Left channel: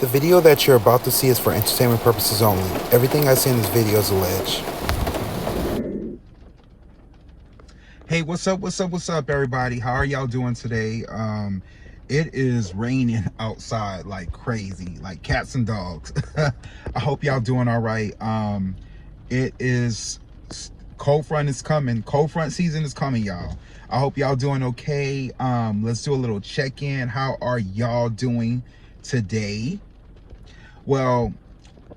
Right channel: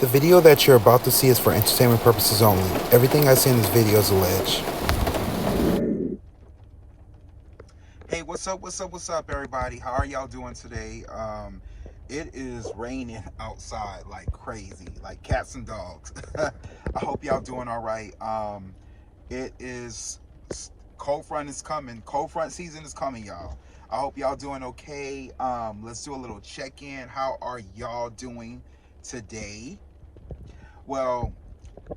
The video that you're about to see is for entertainment purposes only. Everything I say in this video is alleged. Hey, what's up, everybody? How are y'all doing today? It is raining outside like crazy, like cats and dogs. I hope y'all doing all right. It is cold front is coming. Cold front season is coming, y'all. I hope y'all doing okay. Let's do a little check-in. How are y'all doing today? Well,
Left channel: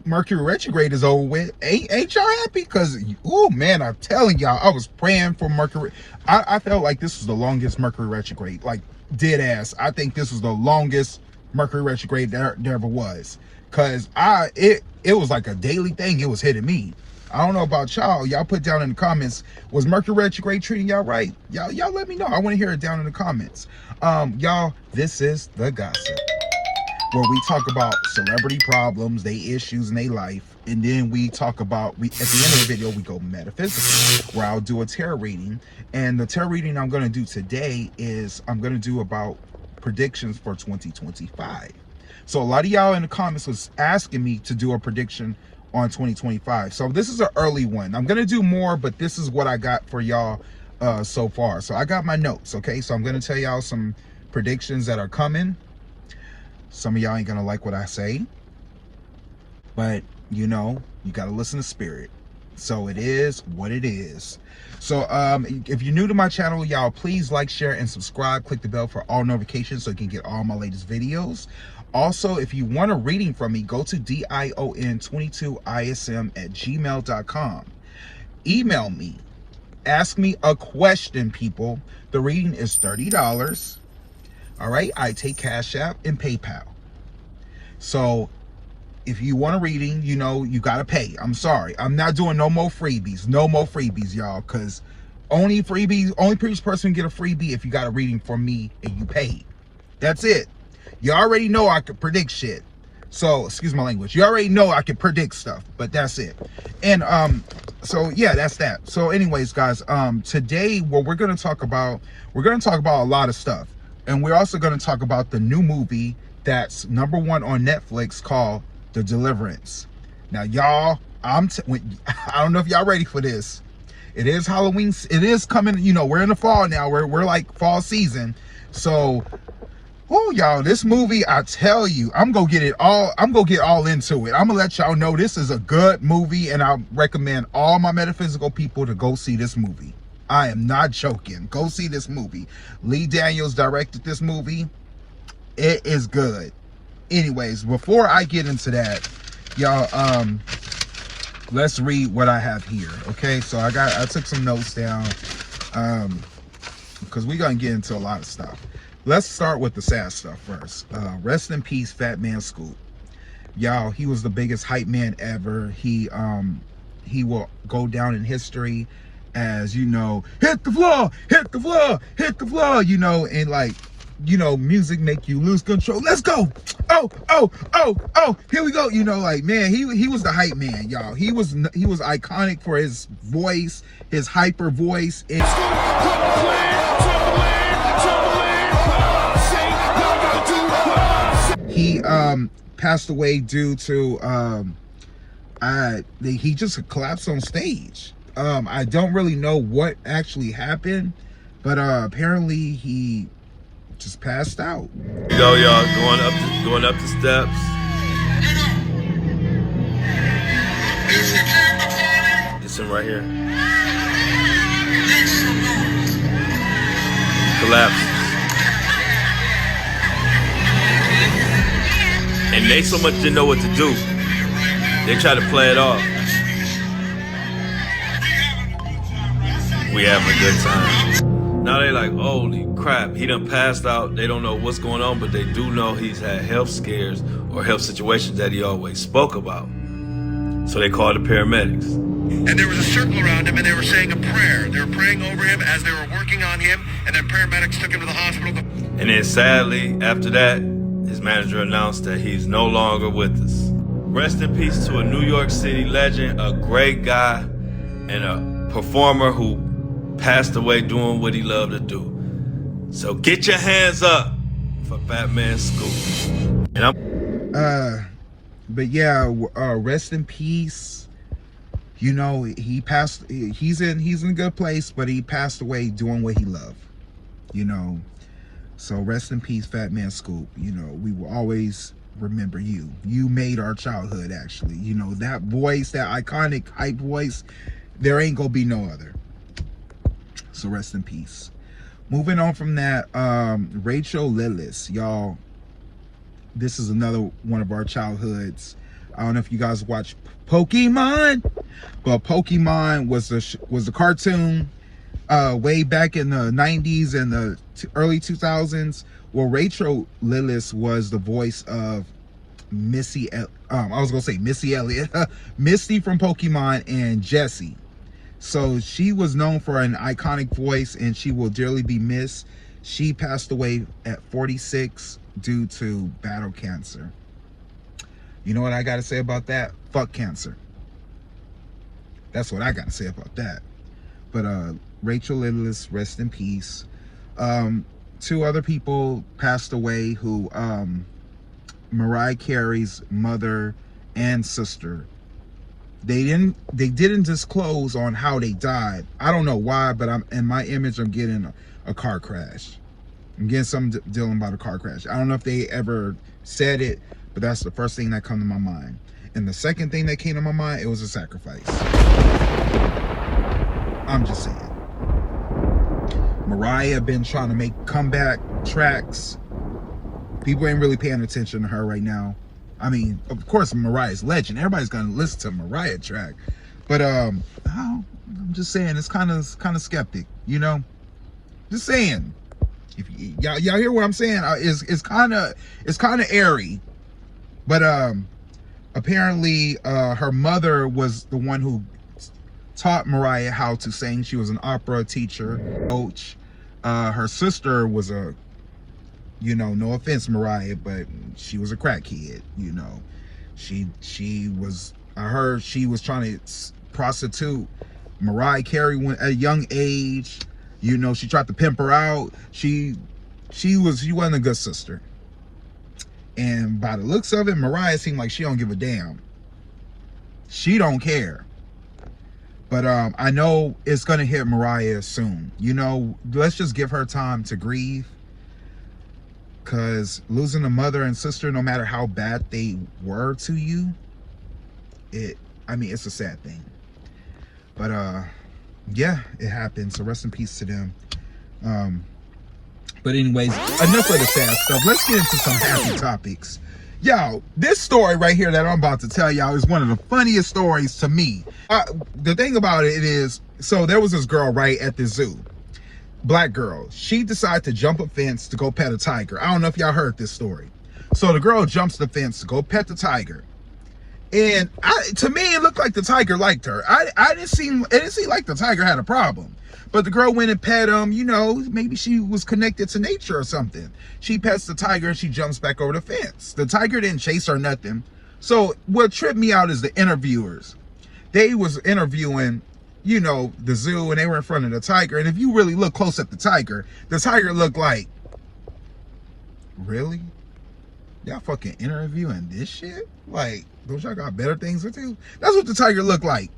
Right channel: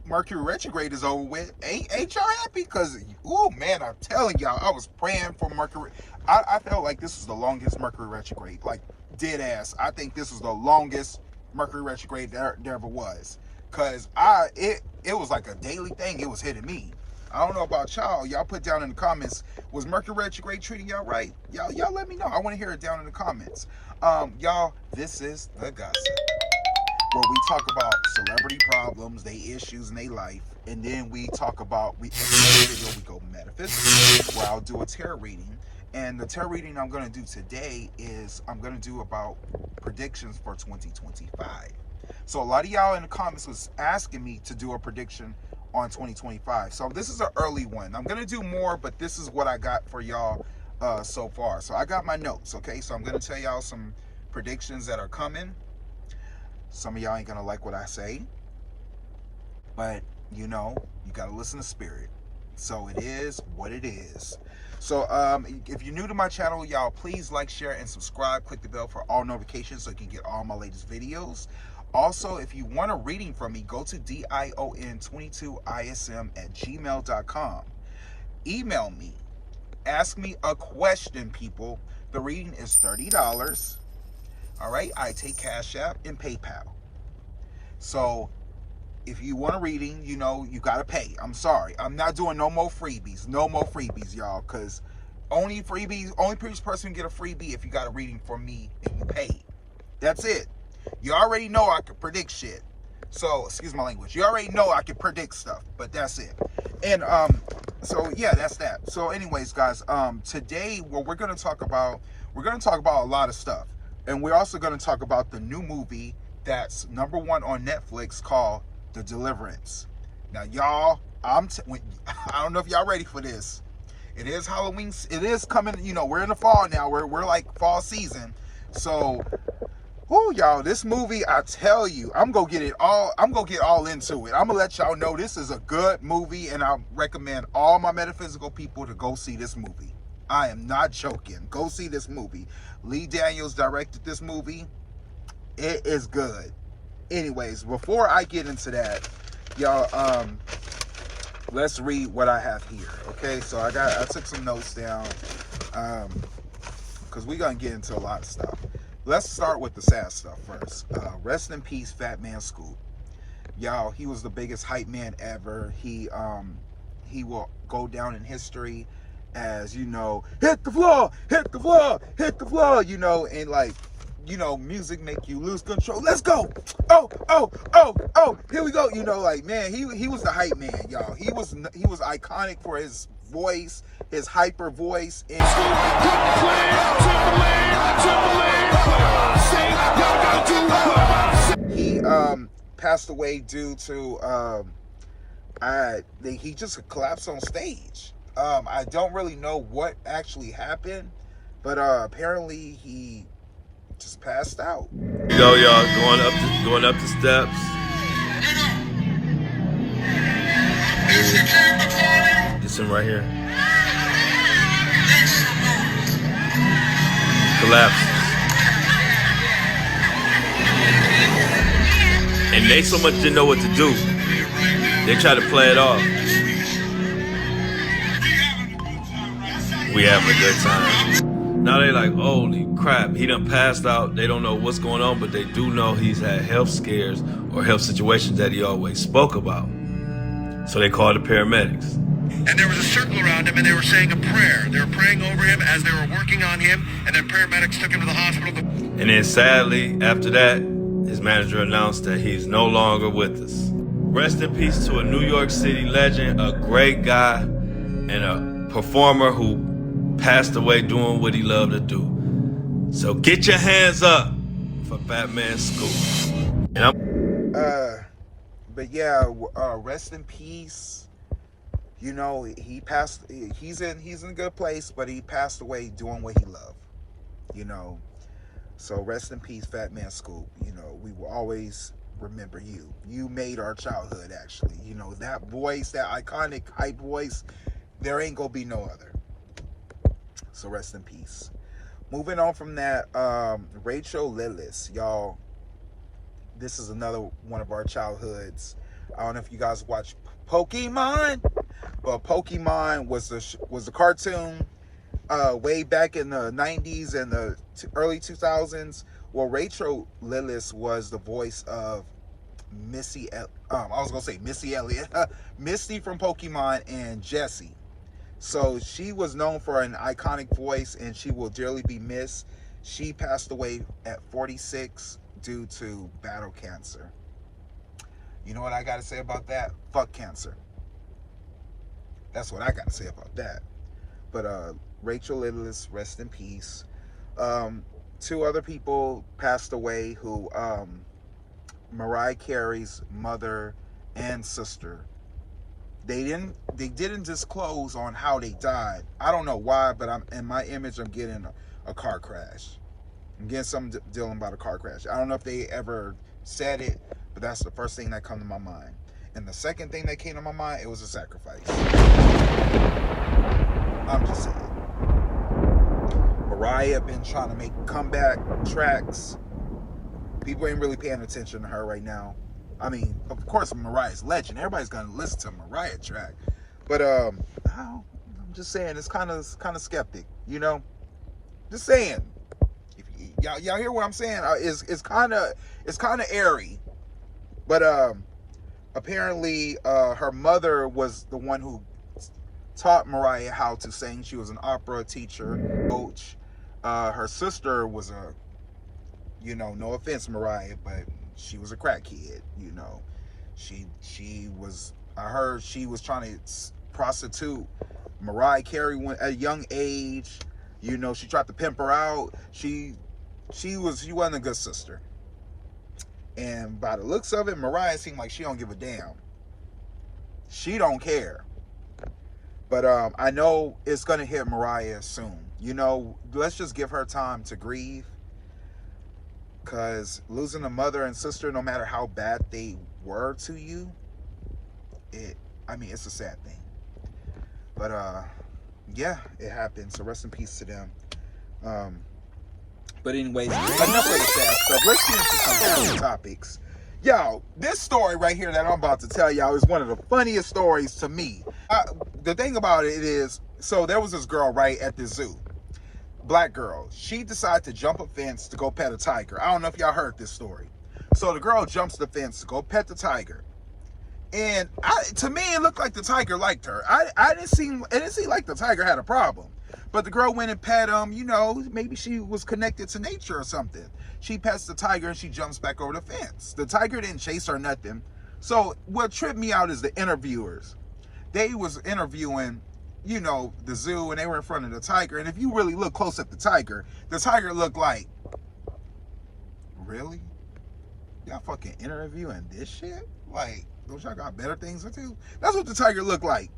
Mercury retrograde is over with. Ain't y'all happy? Because, oh man, I'm telling y'all, I was praying for Mercury. I felt like this was the longest Mercury retrograde, like dead ass. I think this was the longest Mercury retrograde there ever was. Because it was like a daily thing. It was hitting me. I don't know about y'all. Y'all put down in the comments, was Mercury retrograde treating y'all right? Y'all let me know. I want to hear it down in the comments. Y'all, this is The Gossip, where we talk about celebrity problems, they issues in their life, and then we talk about, at the end of the video, we go metaphysical, where I'll do a tarot reading. And the tarot reading I'm going to do today is, I'm going to do about predictions for 2025. So a lot of y'all in the comments was asking me to do a prediction on 2025. So this is an early one. I'm going to do more, but this is what I got for y'all so far. So I got my notes, okay? So I'm going to tell y'all some predictions that are coming. Some of y'all ain't gonna like what I say, but you know, you gotta listen to spirit. So it is what it is. So if you're new to my channel, y'all, please like, share, and subscribe. Click the bell for all notifications so you can get all my latest videos. Also, if you want a reading from me, go to dion22ism@gmail.com. Email me. Ask me a question, people. The reading is $30. All right, I take Cash App and PayPal. So if you want a reading, you know, you got to pay. I'm sorry. I'm not doing no more freebies. No more freebies, y'all, because only previous person can get a freebie if you got a reading from me and you paid. That's it. You already know I could predict shit. So, excuse my language. You already know I can predict stuff, but that's it. And so yeah, that's that. So anyways, guys, today what we're going to talk about a lot of stuff. And we're also going to talk about the new movie that's #1 on Netflix called The Deliverance. Now, y'all, I don't know if y'all ready for this. It is Halloween. It is coming. You know, we're in the fall now. We're like fall season. So, oh, y'all, this movie, I tell you, I'm going to get all into it. I'm going to let y'all know this is a good movie, and I recommend all my metaphysical people to go see this movie. I am not joking. Go see this movie. Lee Daniels directed this movie. It is good. Anyways, before I get into that, y'all, let's read what I have here. Okay, so I took some notes down, because we're gonna get into a lot of stuff. Let's start with the sad stuff first. Rest in peace, Fat Man Scoop. Y'all, he was the biggest hype man ever. He will go down in history as, you know, hit the floor, you know, and like, you know, music make you lose control. Let's go. Oh, here we go. You know, like, man, he was the hype man, y'all. He was iconic for his voice, his hyper voice. And he passed away due to he just collapsed on stage. I don't really know what actually happened, but apparently he just passed out. Here you go, y'all, going up the steps. This one right here. Collapses. And they so much didn't know what to do. They try to play it off. We having a good time. Now they like, holy crap, he done passed out. They don't know what's going on, but they do know he's had health scares or health situations that he always spoke about. So they called the paramedics. And there was a circle around him, and they were saying a prayer. They were praying over him as they were working on him, and then paramedics took him to the hospital. And then sadly, after that, his manager announced that he's no longer with us. Rest in peace to a New York City legend, a great guy, and a performer who passed away doing what he loved to do. So get your hands up for Fat Man Scoop. And I'm But yeah, rest in peace. You know, he passed. He's in a good place, but he passed away doing what he loved. You know, so rest in peace, Fat Man Scoop. You know, we will always remember you. You made our childhood, actually. You know, that voice, that iconic hype voice, there ain't gonna be no other. So rest in peace. Moving on from that, Rachel Lillis, y'all. This is another one of our childhoods. I don't know if you guys watch Pokemon, but Pokemon was the cartoon way back in the 90s and the early 2000s. Well, Rachel Lillis was the voice of Missy. I was gonna say Missy Elliott, Misty from Pokemon, and Jessie. So she was known for an iconic voice, and she will dearly be missed. She passed away at 46 due to battle cancer. You know what I gotta say about that? Fuck cancer. That's what I gotta say about that. But Rachel Lillis, rest in peace. Two other people passed away who Mariah Carey's mother and sister. They didn't disclose on how they died. I don't know why, but in my image, I'm getting a car crash. I'm getting something dealing about a car crash. I don't know if they ever said it, but that's the first thing that come to my mind. And the second thing that came to my mind, it was a sacrifice. I'm just saying. Mariah been trying to make comeback tracks. People ain't really paying attention to her right now. I mean, of course, Mariah's legend. Everybody's gonna listen to a Mariah track, but I'm just saying it's kind of skeptic, you know. Just saying, if y'all hear what I'm saying, it's kind of airy, but apparently her mother was the one who taught Mariah how to sing. She was an opera teacher, coach. Her sister was a, you know, no offense, Mariah, but she was a crackhead, you know. She was, I heard she was trying to prostitute Mariah Carey at a young age. You know, she tried to pimp her out. She wasn't a good sister. And by the looks of it, Mariah seemed like she don't give a damn. She don't care. But I know it's gonna hit Mariah soon. You know, let's just give her time to grieve. Because losing a mother and sister, no matter how bad they were to you, it's a sad thing. But yeah, it happened. So rest in peace to them. But anyways, enough of the sad stuff. Let's get into some happy topics. Yo, this story right here that I'm about to tell y'all is one of the funniest stories to me. The thing about it is, so there was this girl right at the zoo. Black girl. She decided to jump a fence to go pet a tiger. I don't know if y'all heard this story. So the girl jumps the fence to go pet the tiger. And to me, it looked like the tiger liked her. It didn't seem like the tiger had a problem. But the girl went and pet him. You know, maybe she was connected to nature or something. She pets the tiger and she jumps back over the fence. The tiger didn't chase her, nothing. So what tripped me out is the interviewers. They was interviewing, you know, the zoo, and they were in front of the tiger. And if you really look close at the tiger looked like, really? Y'all fucking interviewing this shit? Like, don't y'all got better things to do? That's what the tiger looked like.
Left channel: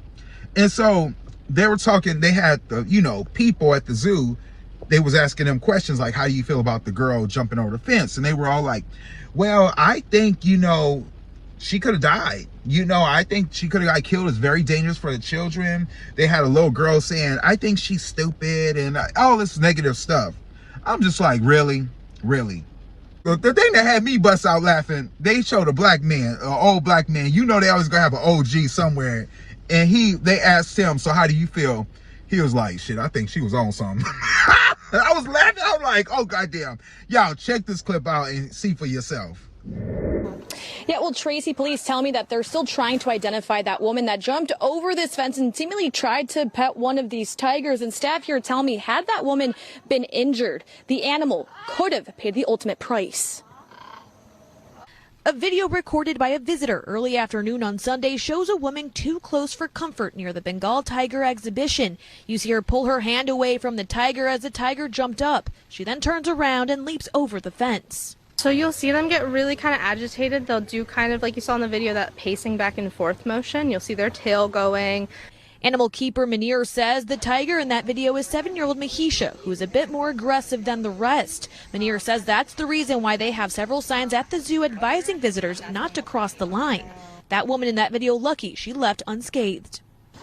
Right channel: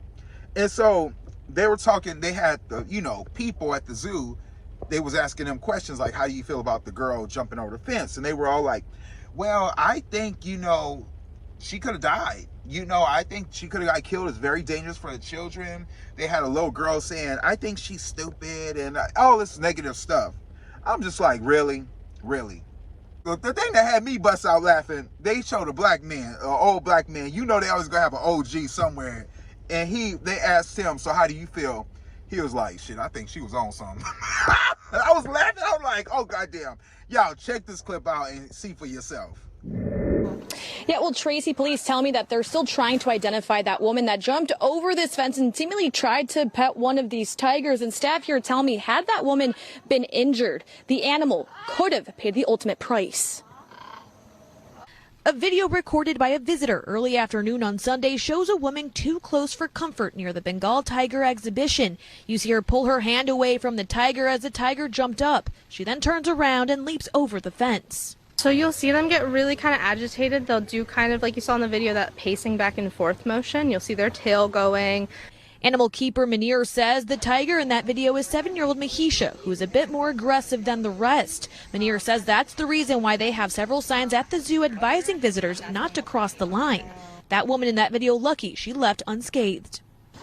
And so they were talking, they had the, you know, people at the zoo, they was asking them questions like, how do you feel about the girl jumping over the fence? And they were all like, well, I think, you know, she could have died. You know, I think she could have got killed. It's very dangerous for the children. They had a little girl saying, I think she's stupid, and all this negative stuff. I'm just like, really? Really? The thing that had me bust out laughing, they showed a black man, an old black man. You know they always gonna have an OG somewhere. And they asked him, so how do you feel? He was like, shit, I think she was on something. I was laughing. I was like, oh, goddamn. Y'all, check this clip out and see for yourself. Yeah, well, Tracy, police tell me that they're still trying to identify that woman that jumped over this fence and seemingly tried to pet one of these tigers. And staff here tell me, had that woman been injured, the animal could have paid the ultimate price. A video recorded by a visitor early afternoon on Sunday shows a woman too close for comfort near the Bengal tiger exhibition. You see her pull her hand away from the tiger as the tiger jumped up. She then turns around and leaps over the fence. So you'll see them get really kind of agitated. They'll do kind of like you saw in the video, that pacing back and forth motion. You'll see their tail going. Animal keeper Munir says the tiger in that video is 7-year-old Mahisha, who is a bit more aggressive than the rest. Munir says that's the reason why they have several signs at the zoo advising visitors not to cross the line. That woman in that video, lucky she left unscathed.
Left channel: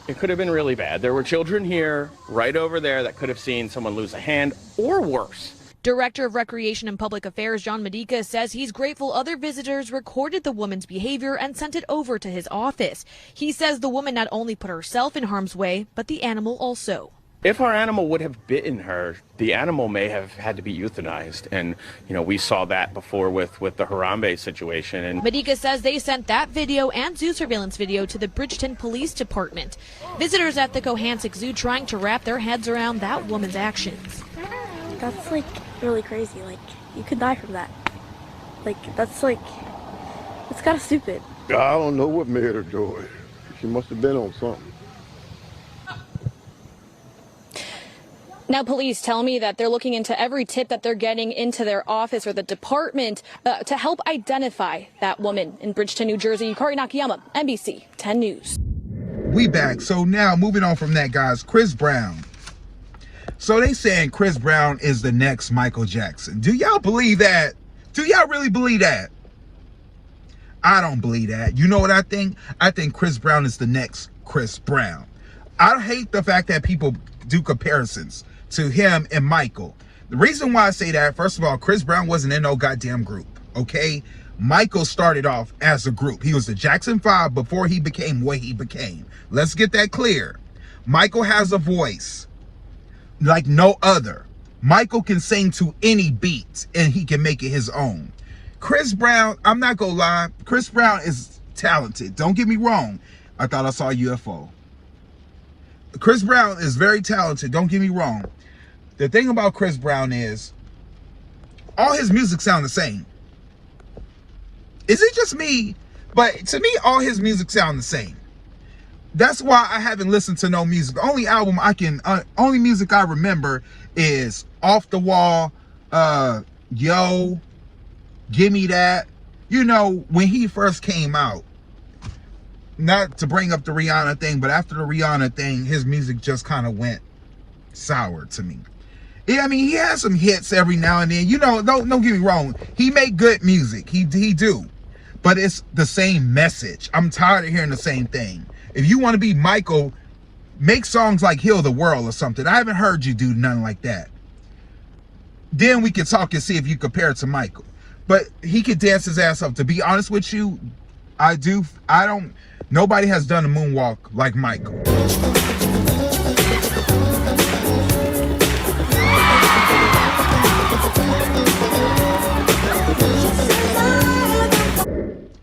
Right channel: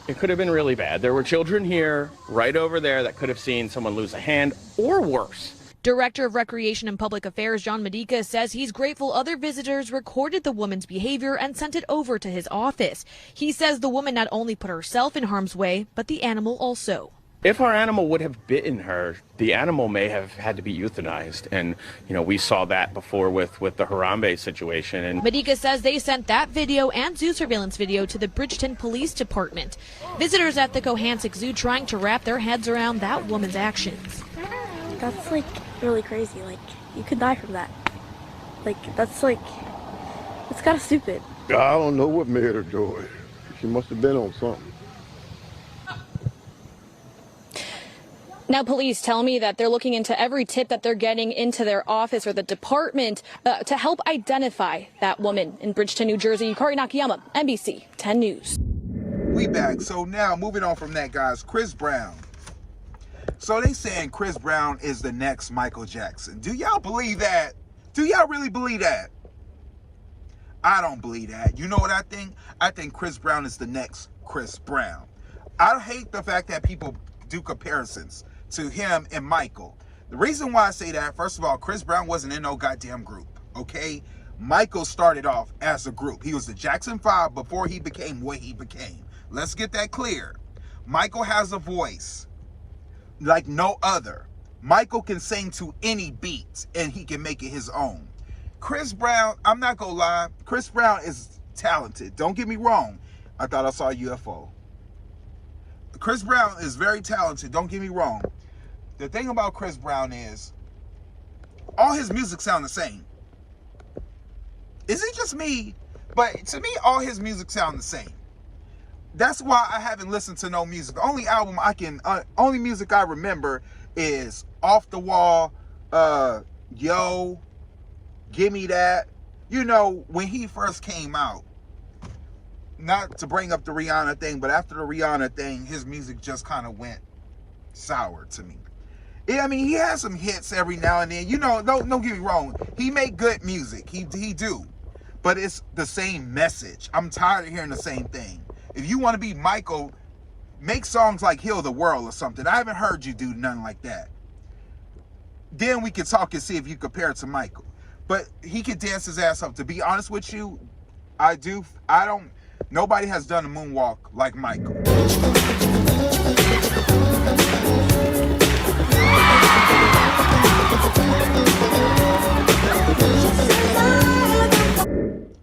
It could have been really bad. There were children here, right over there, that could have seen someone lose a hand or worse. Director of Recreation and Public Affairs John Medica says he's grateful other visitors recorded the woman's behavior and sent it over to his office. He says the woman not only put herself in harm's way, but the animal also. If our animal would have bitten her, the animal may have had to be euthanized. And, you know, we saw that before with the Harambe situation. And Medica says they sent that video and zoo surveillance video to the Bridgeton Police Department. Visitors at the Cohasset Zoo trying to wrap their heads around that woman's actions. That's like really crazy. Like, you could die from that. Like, that's like, it's kind of stupid. I don't know what made her do it. She must have been on something. Now, police tell me that they're looking into every tip that they're getting into their office or the department to help identify that woman in Bridgeton, New Jersey. Kari Nakayama, NBC 10 News. We back. So now moving on from that, guys, Chris Brown. So they saying Chris Brown is the next Michael Jackson. Do y'all believe that? Do y'all really believe that? I don't believe that. You know what I think? I think Chris Brown is the next Chris Brown. I hate the fact that people do comparisons to him and Michael. The reason why I say that, first of all, Chris Brown wasn't in no goddamn group, okay? Michael started off as a group. He was the Jackson 5 before he became what he became. Let's get that clear. Michael has a voice like no other. Michael can sing to any beat and he can make it his own. Chris Brown, I'm not gonna lie, Chris Brown is talented. Don't get me wrong. I thought I saw a UFO. Chris Brown is very talented. Don't get me wrong. The thing about Chris Brown is all his music sound the same. Is it just me? But to me, all his music sound the same. That's why I haven't listened to no music. The only album only music I remember is Off the Wall, Yo, Gimme That. You know, when he first came out. Not to bring up the Rihanna thing, but after the Rihanna thing, his music just kind of went sour to me. Yeah, I mean, he has some hits every now and then. You know, don't get me wrong. He make good music. He do. But it's the same message. I'm tired of hearing the same thing. If you want to be Michael, make songs like Heal the World or something. I haven't heard you do nothing like that. Then we could talk and see if you compare it to Michael. But he could dance his ass off. To be honest with you, nobody has done a moonwalk like Michael.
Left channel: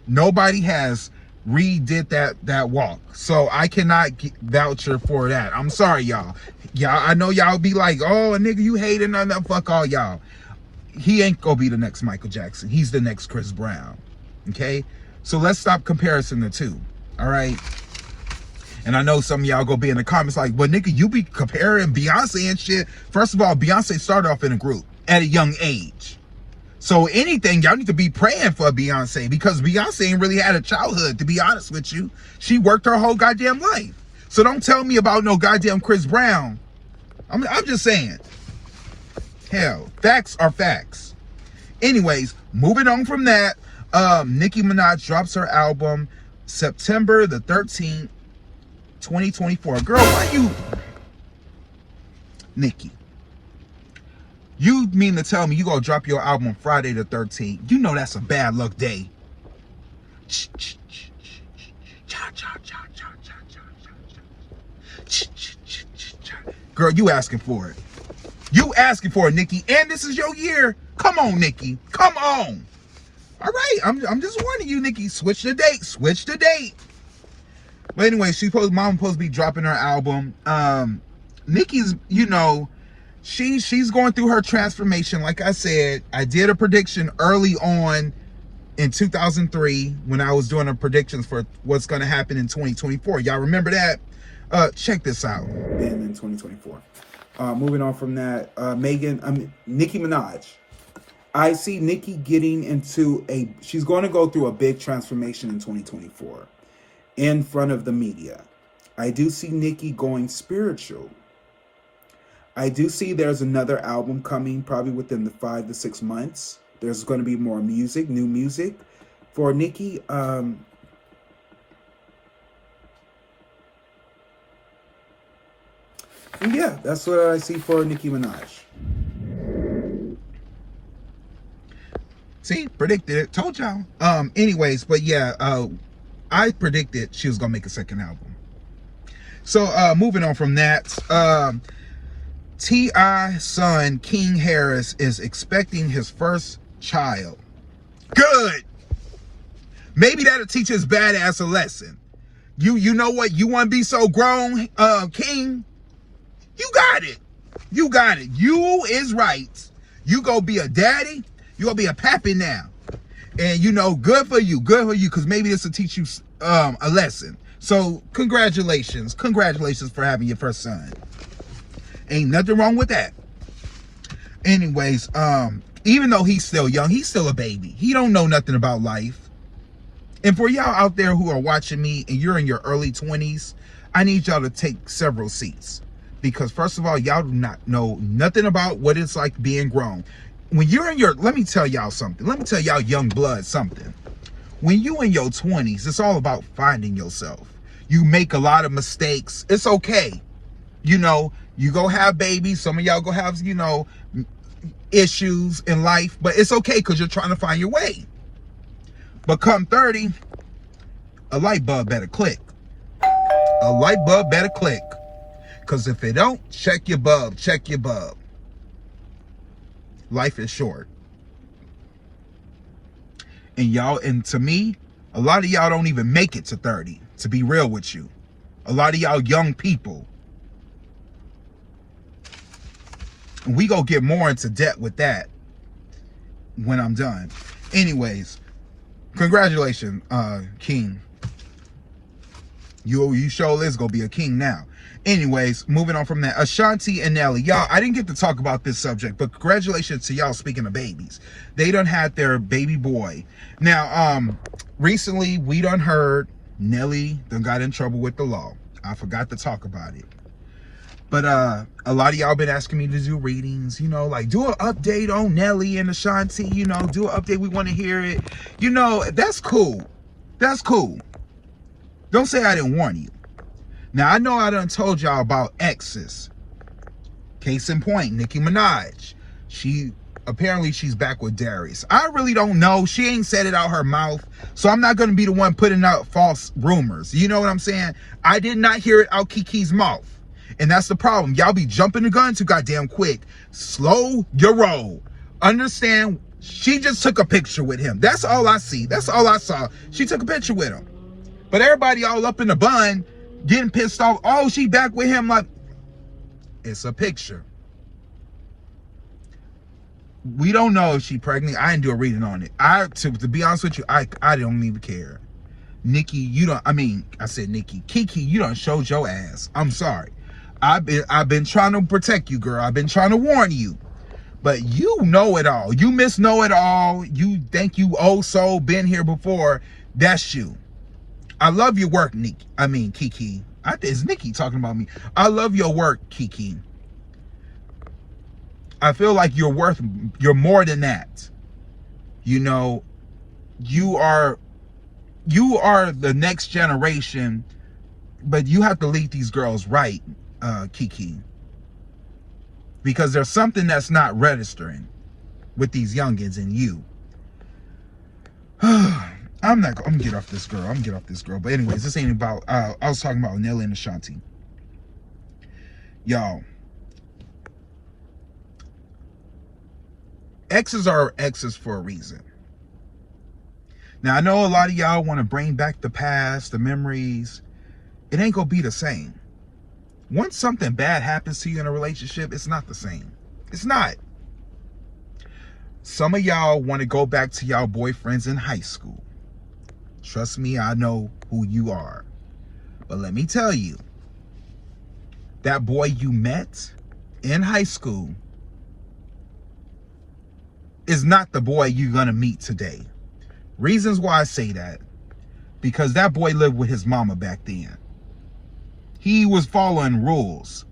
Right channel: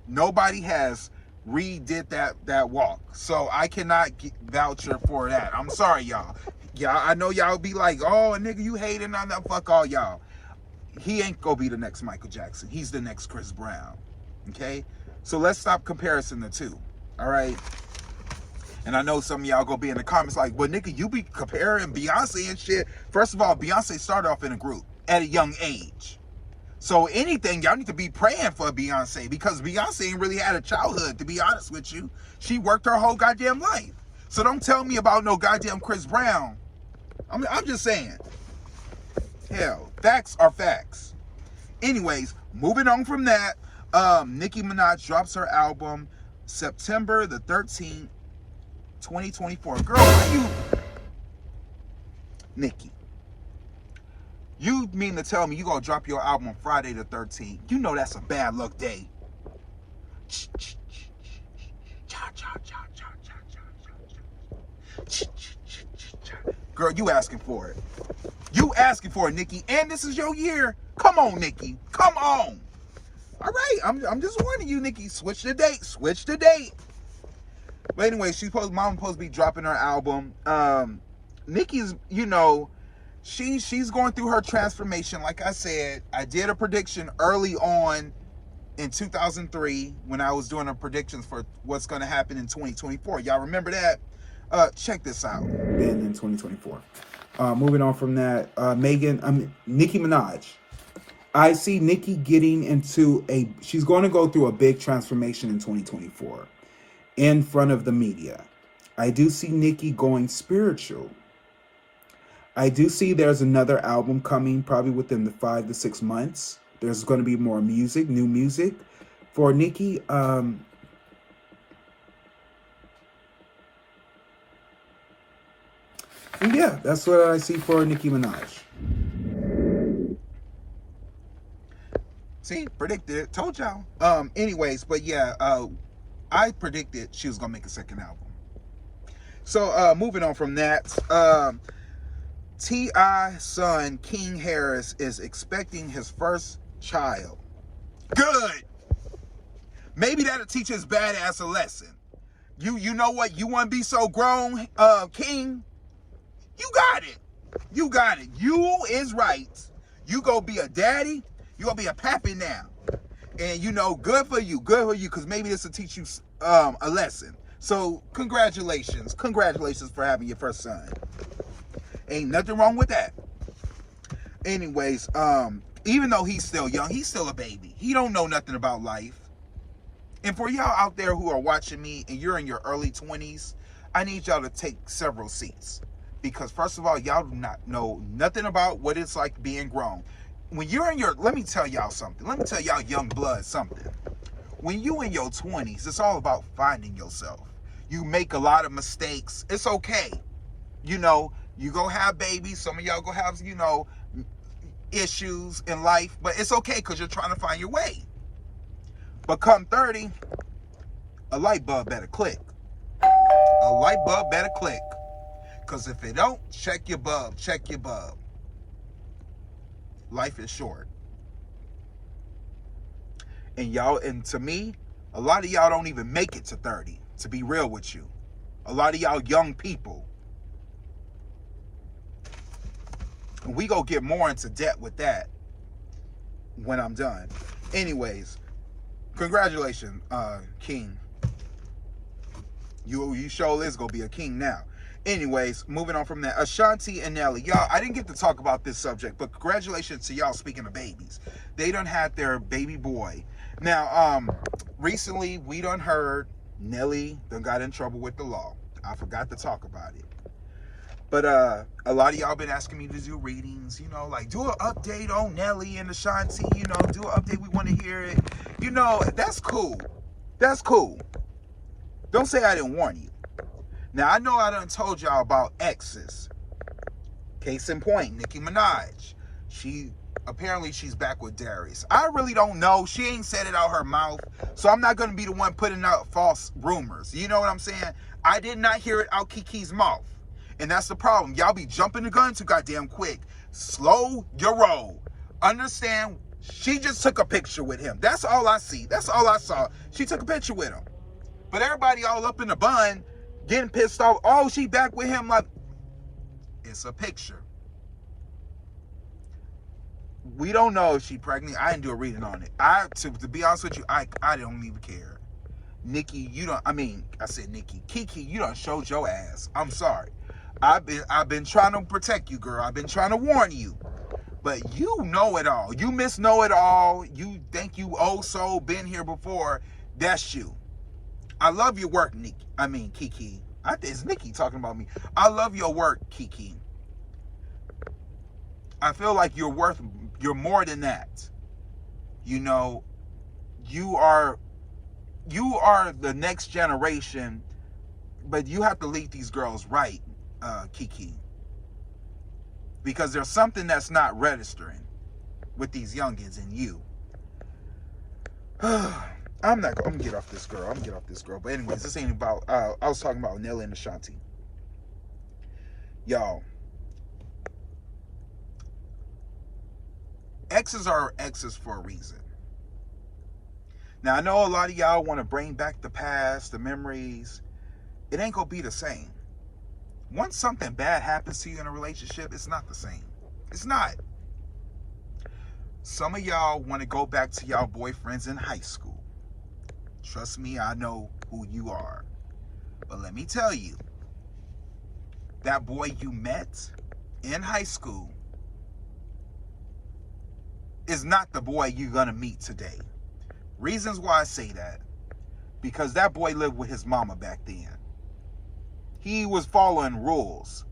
Nobody has redid that walk. So I cannot vouch for that. I'm sorry, y'all. Y'all, I know y'all be like, oh, a nigga, you hating on that. Fuck all y'all. He ain't gonna be the next Michael Jackson. He's the next Chris Brown. Okay? So let's stop comparing the two. All right? And I know some of y'all gonna be in the comments like, well, nigga, you be comparing Beyonce and shit. First of all, Beyonce started off in a group at a young age. So anything, y'all need to be praying for Beyonce, because Beyonce ain't really had a childhood, to be honest with you. She worked her whole goddamn life. So don't tell me about no goddamn Chris Brown. I'm just saying. Hell, facts are facts. Anyways, moving on from that, Nicki Minaj drops her album September the 13th, 2024. Girl, why you... Nicki, you mean to tell me you gonna drop your album Friday the 13th? You know that's a bad luck day. Girl, you asking for it. You asking for it, Nicki. And this is your year. Come on, Nicki. Come on. All right, I'm just warning you, Nicki. Switch the date. Switch the date. But anyway, Mom supposed to be dropping her album. Nicki's, you know, she's going through her transformation. Like I said, I did a prediction early on in 2003 when I was doing the predictions for what's going to happen in 2024. Y'all remember that? Check this out. In 2024. Moving on from that, Nicki Minaj. I see Nicki getting into she's going to go through a big transformation in 2024 in front of the media. I do see Nicki going spiritual. I do see there's another album coming probably within the 5 to 6 months. There's going to be more music, new music for Nicki. Yeah, that's what I see for Nicki Minaj. See, predicted it. Told y'all. Anyways, but yeah, I predicted she was gonna make a second album. So moving on from that, T.I.'s son King Harris is expecting his first child. Good. Maybe that'll teach his badass a lesson. You know what? You want to be so grown, King? You got it. You got it. You is right. You go be a daddy. You gonna be a pappy now. And you know, good for you. Good for you. Because maybe this will teach you a lesson. So congratulations. Congratulations for having your first son. Ain't nothing wrong with that. Anyways, even though he's still young, he's still a baby. He don't know nothing about life. And for y'all out there who are watching me and you're in your early 20s, I need y'all to take several seats. Because first of all, y'all do not know nothing about what it's like being grown. When you're in your, let me tell y'all something. Let me tell y'all young blood something. When you in your 20s, it's all about finding yourself. You make a lot of mistakes. It's okay. You know, you go have babies. Some of y'all go have, you know, issues in life. But it's okay because you're trying to find your way. But come 30, a light bulb better click. A light bulb better click. Because if it don't, check your bulb. Check your bulb. Life is short. And y'all, and to me, a lot of y'all don't even make it to 30, to be real with you. A lot of y'all young people. And we go get more into debt with that when I'm done. Anyways, congratulations, King. You sure is gonna be a king now. Anyways, moving on from that, Ashanti and Nelly. Y'all, I didn't get to talk about this subject, but congratulations to y'all. Speaking of babies, they done had their baby boy. Now, recently we done heard Nelly done got in trouble with the law. I forgot to talk about it. But a lot of y'all been asking me to do readings, you know, like do an update on Nelly and Ashanti, you know, do an update. We want to hear it. You know, that's cool. That's cool. Don't say I didn't warn you. Now, I know I done told y'all about exes. Case in point, Nicki Minaj. Apparently she's back with Darius. I really don't know. She ain't said it out her mouth. So I'm not going to be the one putting out false rumors. You know what I'm saying? I did not hear it out Kiki's mouth. And that's the problem. Y'all be jumping the gun too goddamn quick. Slow your roll. Understand? She just took a picture with him. That's all I see. That's all I saw. She took a picture with him. But everybody all up in the bun, getting pissed off. Oh, she back with him. Like, it's a picture. We don't know if she pregnant. I didn't do a reading on it. To be honest with you, I don't even care. Nicki, you don't. I mean, I said Nicki. Kiki, you done showed your ass. I'm sorry. I've been trying to protect you, girl. I've been trying to warn you. But you know it all. You know it all. You think you so been here before. That's you. I love your work, Nicki. I mean, Kiki. I think it's Nicki talking about me. I love your work, Kiki. I feel like you're more than that. You know, you are the next generation, but you have to lead these girls right, Kiki. Because there's something that's not registering with these youngins and you. I'm gonna get off this girl. But anyways, this ain't about, I was talking about Nelly and Ashanti. Y'all. Exes are exes for a reason. Now, I know a lot of y'all want to bring back the past, the memories. It ain't gonna be the same. Once something bad happens to you in a relationship, it's not the same. It's not. Some of y'all want to go back to y'all boyfriends in high school. Trust me, I know who you are. But let me tell you, that boy you met in high school, is not the boy you're gonna meet today. Reasons why I say that, because that boy lived with his mama back then. He was following rules.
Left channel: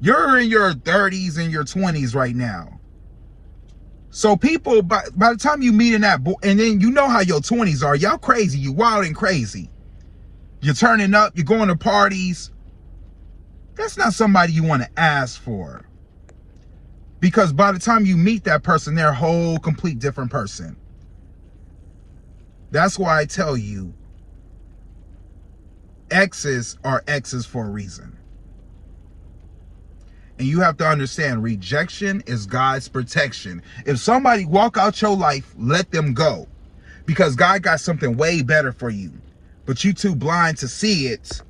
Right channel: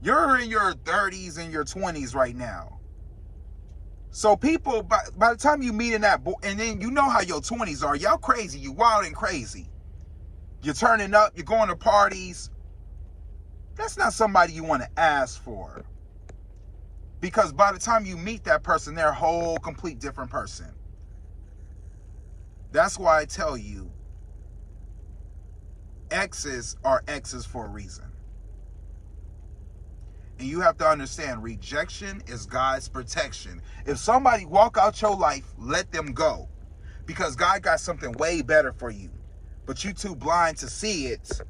You're in your 30s and your 20s right now. So people, by the time you meet in that boy, and then you know how your 20s are, y'all crazy, you wild and crazy. You're turning up, you're going to parties. That's not somebody you want to ask for. Because by the time you meet that person, they're a whole complete different person. That's why I tell you, exes are exes for a reason. And you have to understand, rejection is God's protection. If somebody walk out your life, let them go. Because God got something way better for you. But you too blind to see it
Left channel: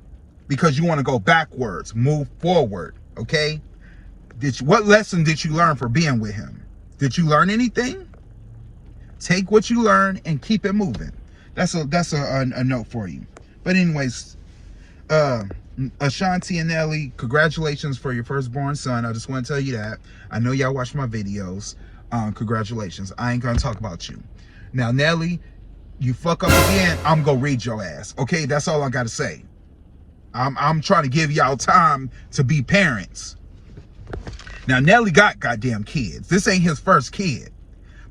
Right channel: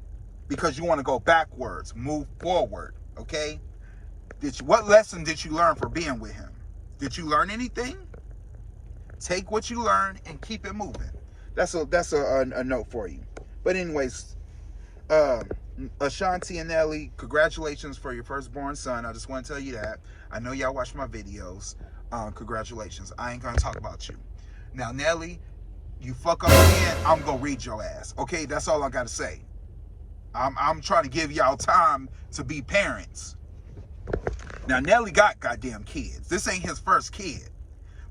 because you want to go backwards, move forward, okay? What lesson did you learn for being with him? Did you learn anything? Take what you learn and keep it moving. That's a note for you. But anyways, Ashanti and Nelly, congratulations for your firstborn son. I just want to tell you that. I know y'all watch my videos. Congratulations. I ain't gonna talk about you. Now, Nelly, you fuck up again, I'm gonna read your ass. Okay, that's all I gotta say. I'm trying to give y'all time to be parents. Now, Nelly got goddamn kids. This ain't his first kid.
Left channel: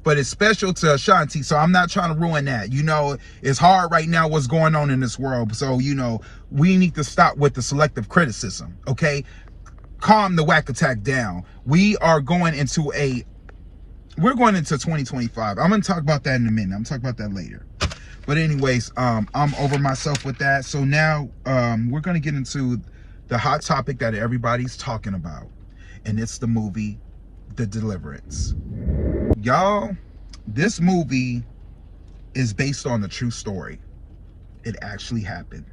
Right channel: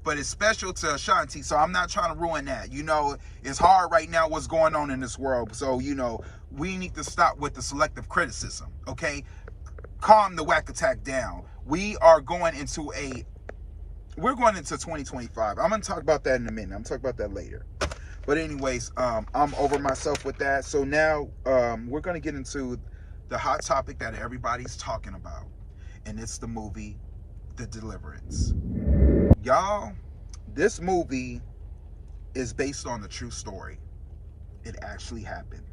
But it's special to Ashanti, so I'm not trying to ruin that. You know, it's hard right now what's going on in this world. So, you know, we need to stop with the selective criticism, okay? Calm the whack attack down. We're going into 2025. I'm going to talk about that in a minute. I'm going to talk about that later. But anyways, I'm over myself with that. So now we're going to get into the hot topic that everybody's talking about. And it's the movie, The Deliverance. Y'all, this movie is based on a true story. It actually happened.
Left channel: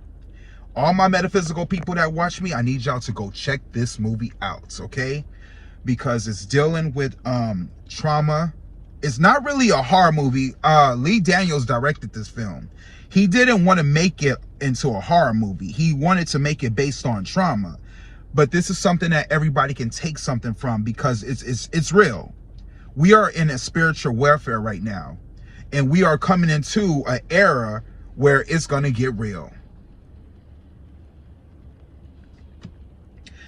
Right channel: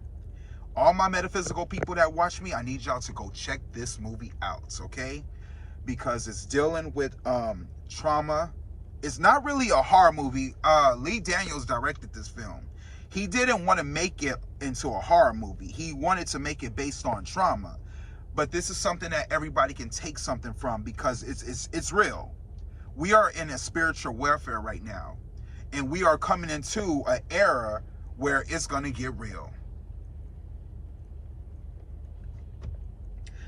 All my metaphysical people that watch me, I need y'all to go check this movie out, okay? Because it's dealing with trauma. It's not really a horror movie. Lee Daniels directed this film. He didn't want to make it into a horror movie. He wanted to make it based on trauma. But this is something that everybody can take something from because it's real. We are in a spiritual warfare right now, and we are coming into an era where it's going to get real.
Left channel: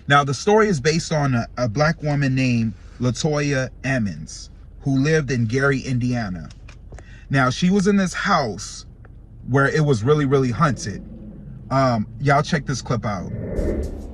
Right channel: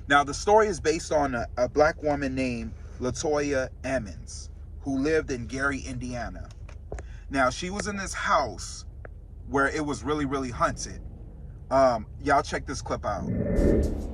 Now, the story is based on a black woman named LaToya Ammons, who lived in Gary, Indiana. Now, she was in this house where it was really, really haunted. Y'all check this clip out.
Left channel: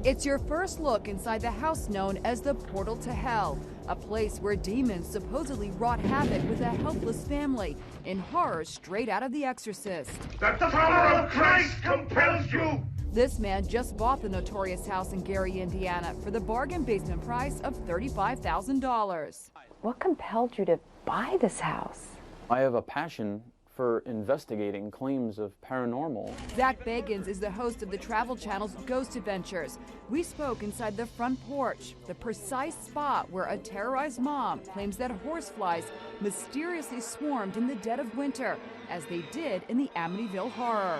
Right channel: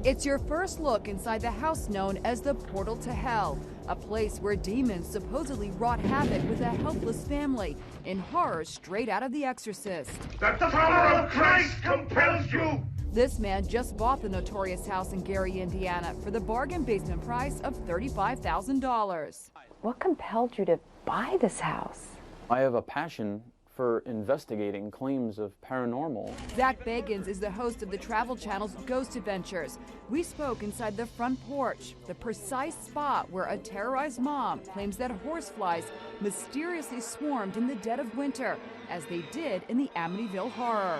It's your first look inside the house known as the Portal to Hell, a place where demons supposedly wrought havoc with a helpless family in horror straight out of The Exorcist. That the power of Christ compels you! This man just bought the notorious house in Gary, Indiana for the bargain basement price of $35,000. What compelled you to buy this house? I have a passion for investigating claims of paranormal. Zach Bagans is the host of the Travel Channel's Ghost Adventures. We spoke inside the front porch, the precise spot where a terrorized mom claims that horseflies mysteriously swarmed in the dead of winter, as they did in the Amityville Horror.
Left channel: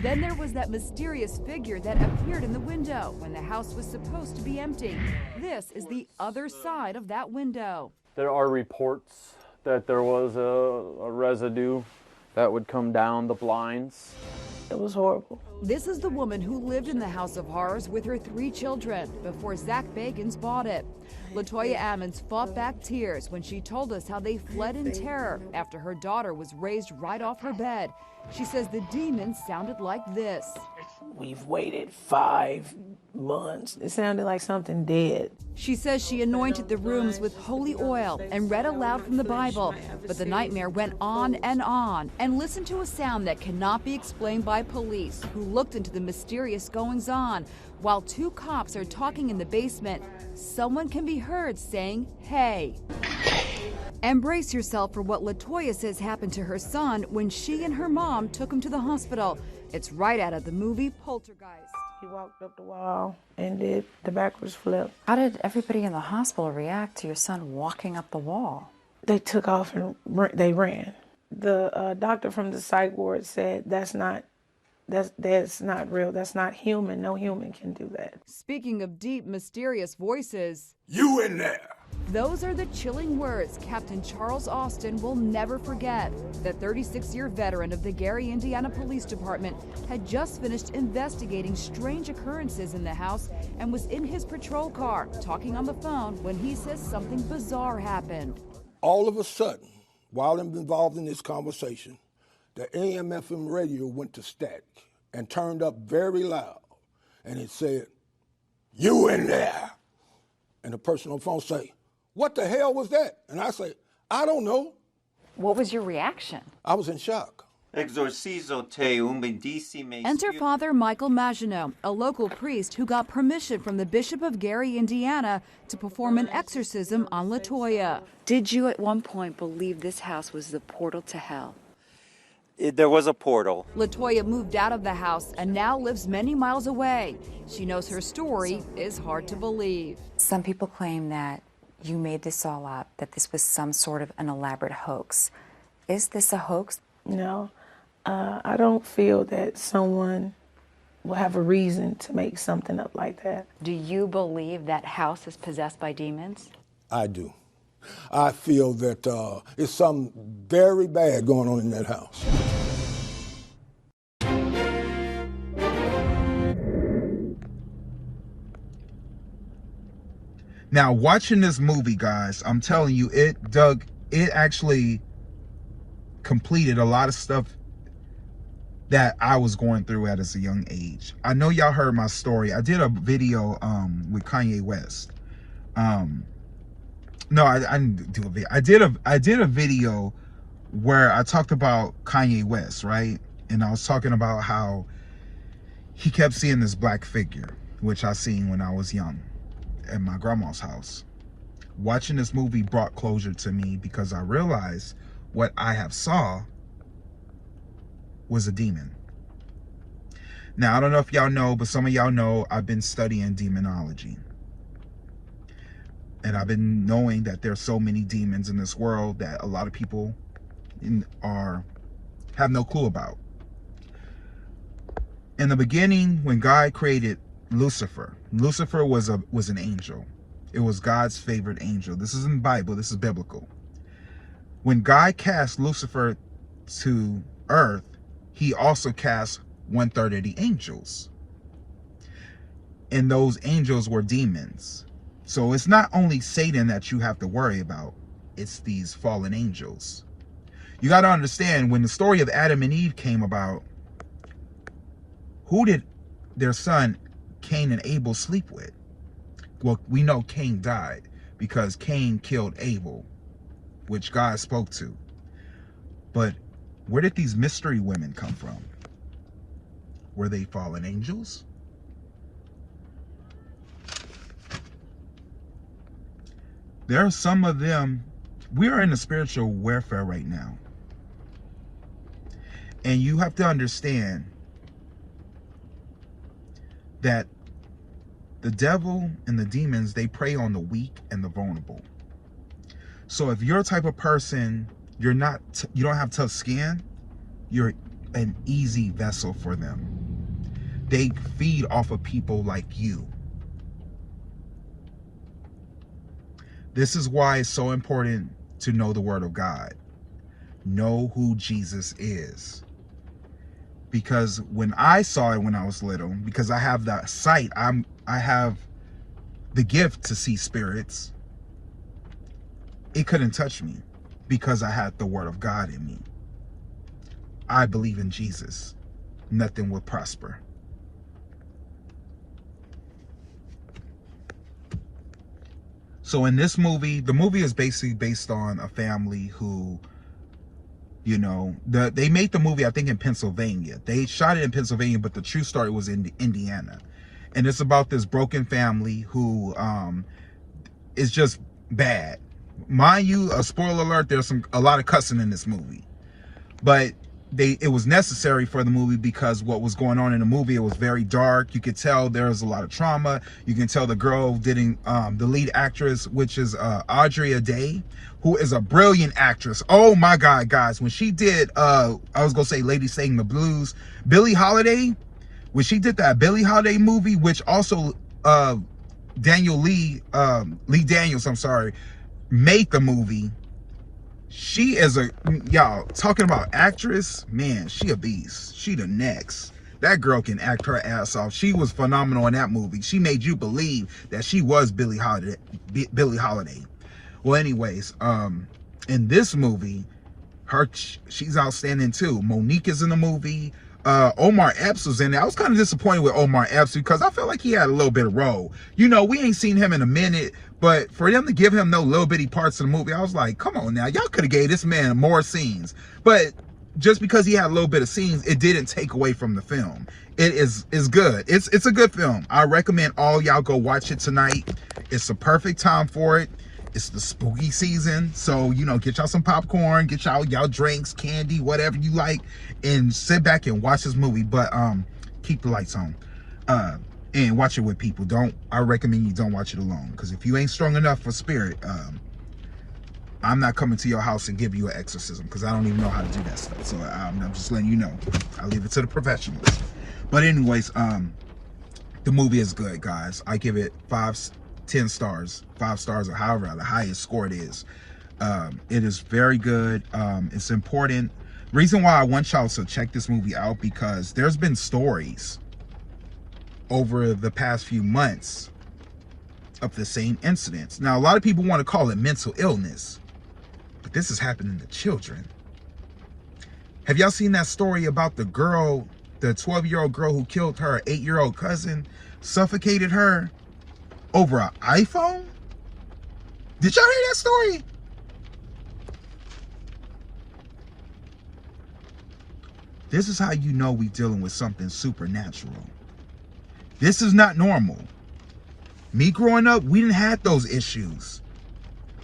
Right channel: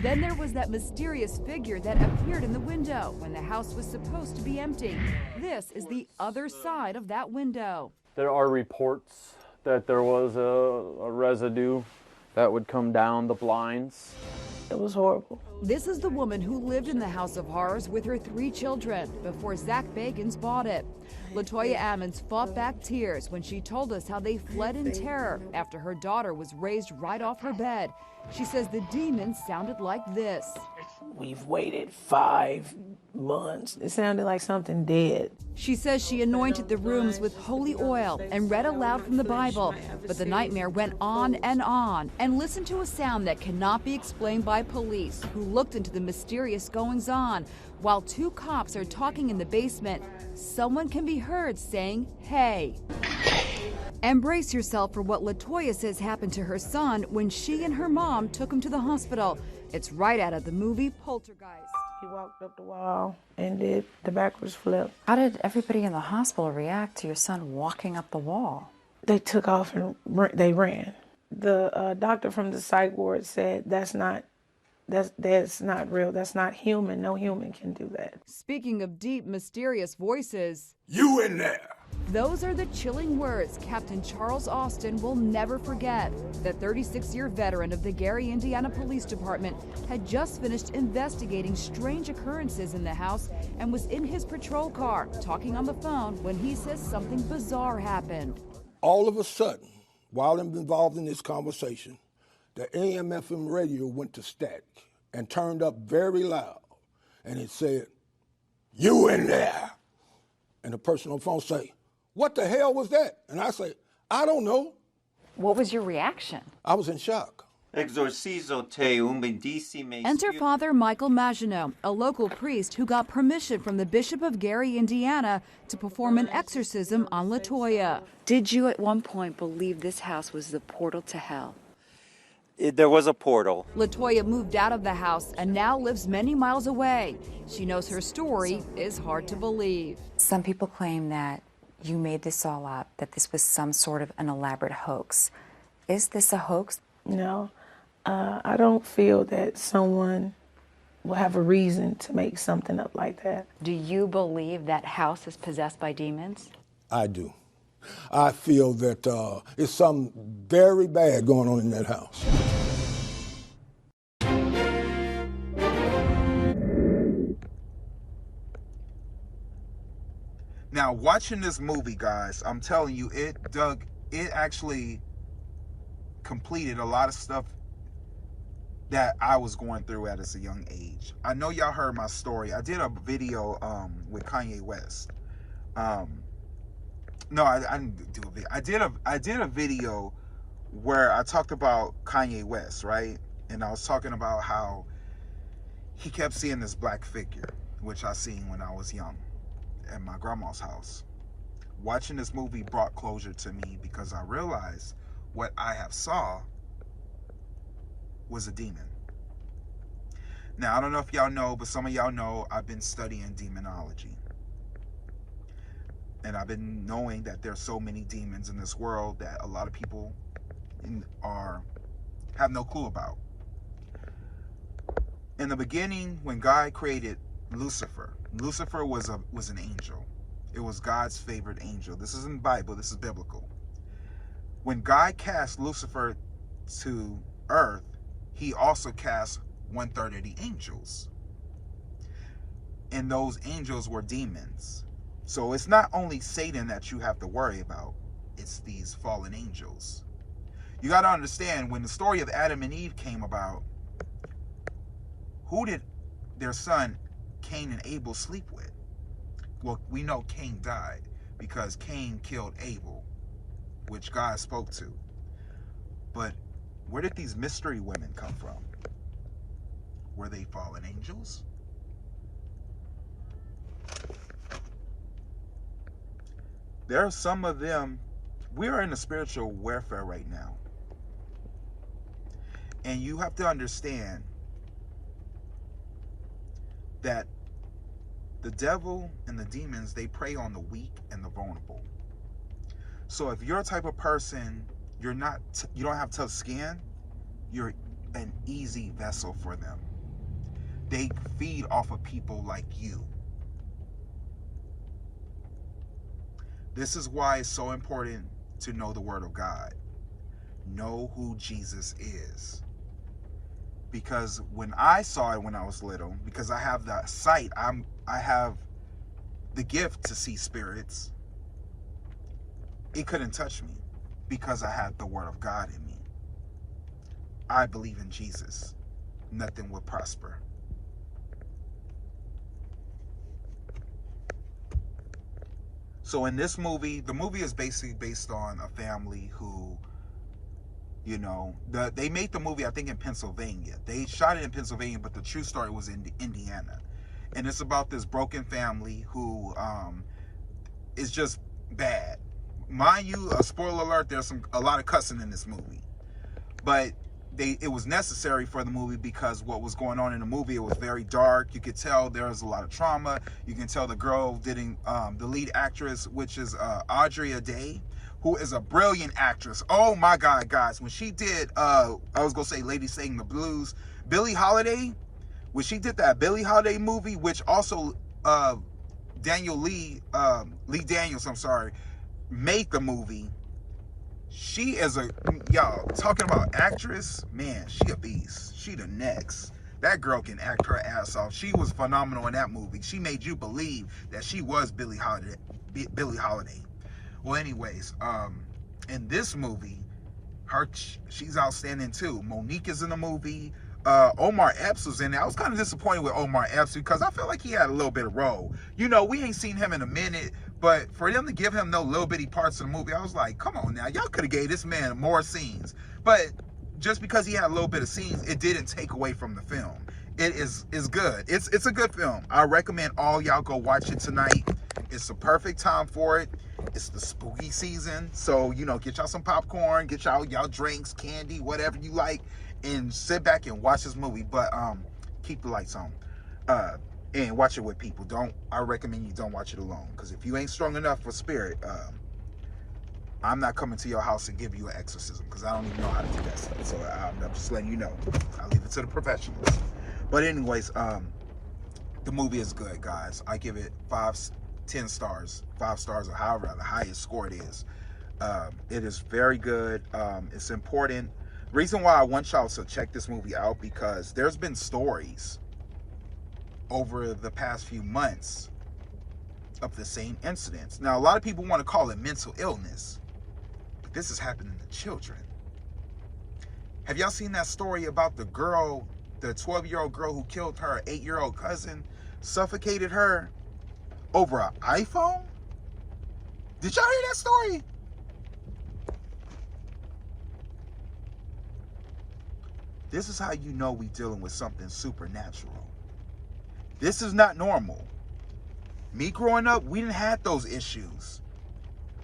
Then there was that mysterious figure that appeared in the window when the house was supposed to be empty. This is the other side of that window. There are reports that there was a residue that would come down the blinds. It was horrible. This is the woman who lived in the House of Horrors with her 3 children before Zach Bagans bought it. LaToya Ammons fought back tears when she told us how they fled in terror after her daughter was raised right off her bed. She says the demons sounded like this. We've waited 5 months. It sounded like something dead. She says she anointed the rooms with holy oil and read aloud from the Bible, but the nightmare went on and listened to a sound that cannot be explained by police who looked into the mysterious goings-on. While 2 cops are talking in the basement, someone can be heard saying, "Hey." Embrace yourself for what LaToya says happened to her son when she and her mom took him to the hospital. It's right out of the movie Poltergeist. He walked up the wall and did the backwards flip. How did everybody in the hospital react to your son walking up the wall? They took off and they ran. The doctor from the psych ward said that's not real. That's not human. No human can do that. Speaking of deep, mysterious voices, You in there! Those are the chilling words Captain Charles Austin will never forget. The 36-year veteran of the Gary, Indiana Police Department had just finished investigating strange occurrences in the house and was in his patrol car talking on the phone when he says something bizarre happened. All of a sudden, while I'm involved in this conversation, the AM/FM radio went to static and turned up very loud, and it said, "You in there?" And the person on the phone say, "What the hell was that?" And I say, "I don't know." What was your reaction? I was in shock. Enter Father Michael Maginot, a local priest who got permission from the Bishop of Gary, Indiana, to perform an exorcism on LaToya. Did you at one point believe this house was the portal to hell? There was a portal. LaToya moved out of the house and now lives many miles away. She knows her story is hard to believe. Some people claim that you made this all up, that this was some sort of an elaborate hoax. Is this a hoax? No, I don't feel that someone will have a reason to make something up like that. Do you believe that house is possessed by demons? I do. I feel that it's something very bad going on in that house. Now, watching this movie, guys, I'm telling you, it actually completed a lot of stuff that I was going through at a young age. I know y'all heard my story. I did a video with Kanye West. No, I didn't do a video. I did a video where I talked about Kanye West, right? And I was talking about how he kept seeing this black figure, which I seen when I was young at my grandma's house. Watching this movie brought closure to me because I realized what I have saw was a demon. Now, I don't know if y'all know, but some of y'all know I've been studying demonology. And I've been knowing that there's so many demons in this world that a lot of people have no clue about. In the beginning, when God created Lucifer was an angel. It was God's favorite angel. This isn't Bible, this is biblical. When God cast Lucifer to earth, he also cast 1/3 of the angels. And those angels were demons. So it's not only Satan that you have to worry about, it's these fallen angels. You got to understand, when the story of Adam and Eve came about, who did their son Cain and Abel sleep with? Well, we know Cain died because Cain killed Abel, which God spoke to. But where did these mystery women come from? Were they fallen angels? There are some of them. We are in a spiritual warfare right now. And you have to understand that the devil and the demons, they prey on the weak and the vulnerable. So if you're a type of person, you don't have tough skin, you're an easy vessel for them. They feed off of people like you. This is why it's so important to know the Word of God. Know who Jesus is. Because when I saw it when I was little, because I have that sight, I have the gift to see spirits. It couldn't touch me because I had the Word of God in me. I believe in Jesus. Nothing will prosper. So in this movie, the movie is basically based on a family who, you know, they made the movie, I think, in Pennsylvania. They shot it in Pennsylvania, but the true story was in Indiana. And it's about this broken family who is just bad. Mind you, a spoiler alert, there's a lot of cussing in this movie. But it was necessary for the movie because what was going on in the movie, it was very dark. You could tell there was a lot of trauma. You can tell the girl the lead actress, which is Audrey Day, who is a brilliant actress. Oh my God, guys. When she did, I was going to say Lady Sang the Blues, Billie Holiday, when she did that Billie Holiday movie, which also Lee Daniels, I'm sorry, made the movie, she is a, y'all, talking about actress, man, she a beast. She the next. That girl can act her ass off. She was phenomenal in that movie. She made you believe that she was Billie Holiday. Well, anyways, in this movie, she's outstanding too. Monique is in the movie. Omar Epps was in there. I was kind of disappointed with Omar Epps because I felt like he had a little bit of role. You know, we ain't seen him in a minute, but for them to give him no little bitty parts of the movie, I was like, come on now, y'all could have gave this man more scenes. But just because he had a little bit of scenes, it didn't take away from the film. It is good. It's a good film. I recommend all y'all go watch it tonight. It's the perfect time for it. It's the spooky season, so you know, get y'all some popcorn, get y'all drinks, candy, whatever you like, and sit back and watch this movie. But keep the lights on, and watch it with people. I recommend you don't watch it alone, because if you ain't strong enough for spirit, I'm not coming to your house and give you an exorcism, because I don't even know how to do that stuff. So I'm just letting you know. I leave it to the professionals. But anyways, the movie is good, guys. I give it 10 stars, 5 stars, or however the highest score it is. It is very good. It's important. Reason why I want y'all to check this movie out, because there's been stories over the past few months of the same incidents. Now, a lot of people want to call it mental illness, but this is happening to children. Have y'all seen that story about the girl, the 12-year-old girl who killed her 8-year-old cousin, suffocated her over an iPhone? Did y'all hear that story? This is how you know we dealing with something supernatural. This is not normal. Me growing up, we didn't have those issues,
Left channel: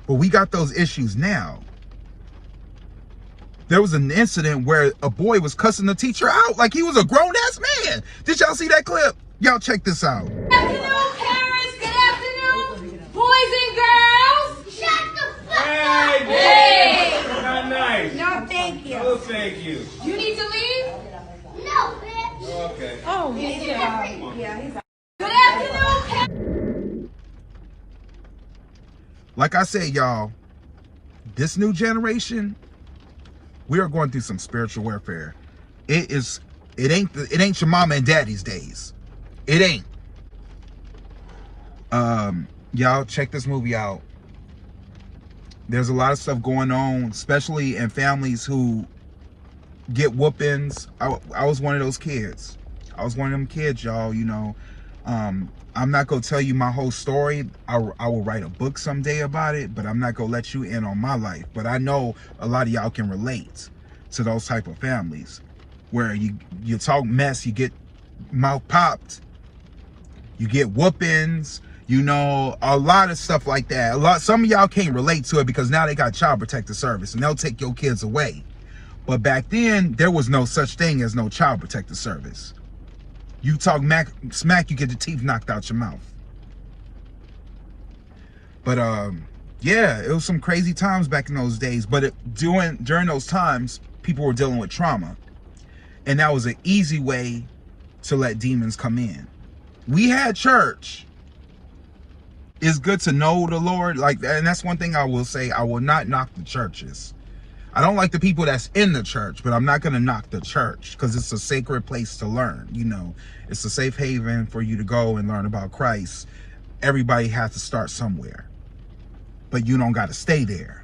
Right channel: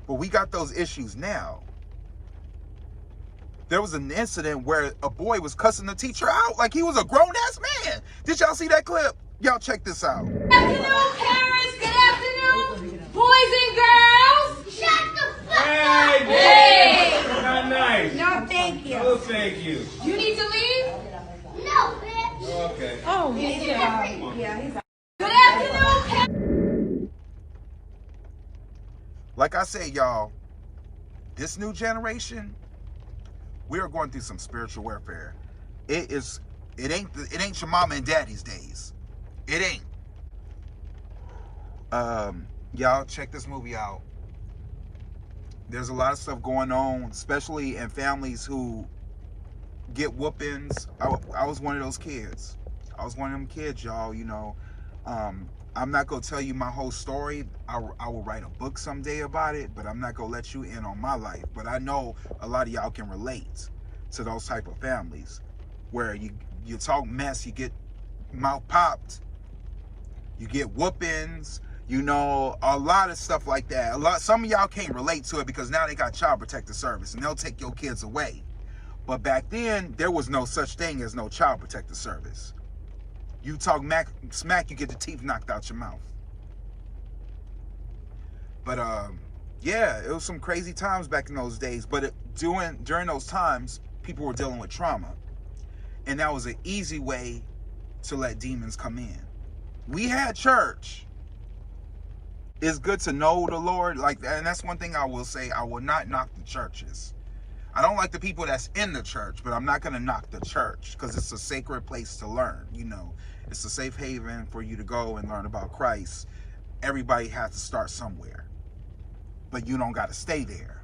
but we got those issues now. There was an incident where a boy was cussing the teacher out like he was a grown-ass man. Did y'all see that clip? Y'all check this out. Good afternoon, parents. Good afternoon, boys and girls. Shut the fuck up. Hey. Not nice. No, thank you. Oh, thank you. You need to leave? No, bitch. Okay. Oh, yeah. He's out. Good afternoon, parents. Like I said, y'all, this new generation, we are going through some spiritual warfare. It ain't your mama and daddy's days. It ain't. Y'all check this movie out. There's a lot of stuff going on, especially in families who get whoopings. I was one of those kids. I was one of them kids, y'all, you know. I'm not gonna tell you my whole story. I will write a book someday about it, but I'm not gonna let you in on my life. But I know a lot of y'all can relate to those type of families where you talk mess, you get mouth popped, you get whoopings, you know, a lot of stuff like that. Some of y'all can't relate to it because now they got child protective service and they'll take your kids away. But back then, there was no such thing as no child protective service. You talk smack, you get the teeth knocked out your mouth. But yeah, it was some crazy times back in those days. But during those times, people were dealing with trauma, and that was an easy way to let demons come in. We had church. It's good to know the Lord, like, and that's one thing I will say. I will not knock the churches. I don't like the people that's in the church, but I'm not going to knock the church because it's a sacred place to learn. You know, it's a safe haven for you to go and learn about Christ. Everybody has to start somewhere, but you don't got to stay there.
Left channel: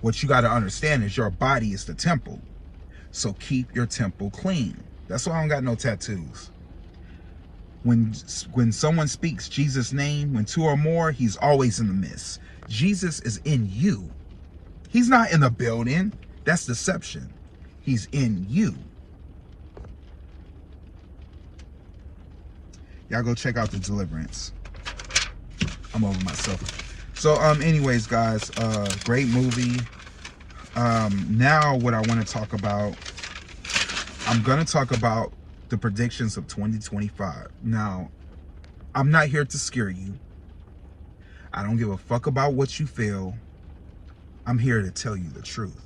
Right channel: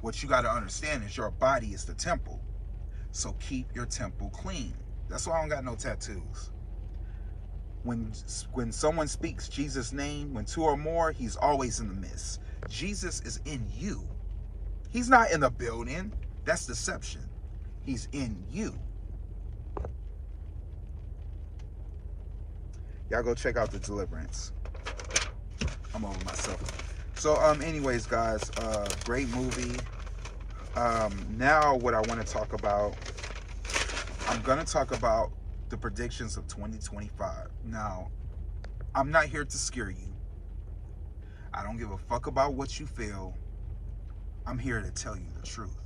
What you got to understand is your body is the temple. So keep your temple clean. That's why I don't got no tattoos. When someone speaks Jesus' name, when 2 or more, he's always in the midst. Jesus is in you. He's not in the building. That's deception. He's in you. Y'all go check out the Deliverance. I'm over myself. So anyways, guys, great movie. Now what I want to talk about, I'm gonna talk about the predictions of 2025. Now, I'm not here to scare you. I don't give a fuck about what you feel. I'm here to tell you the truth.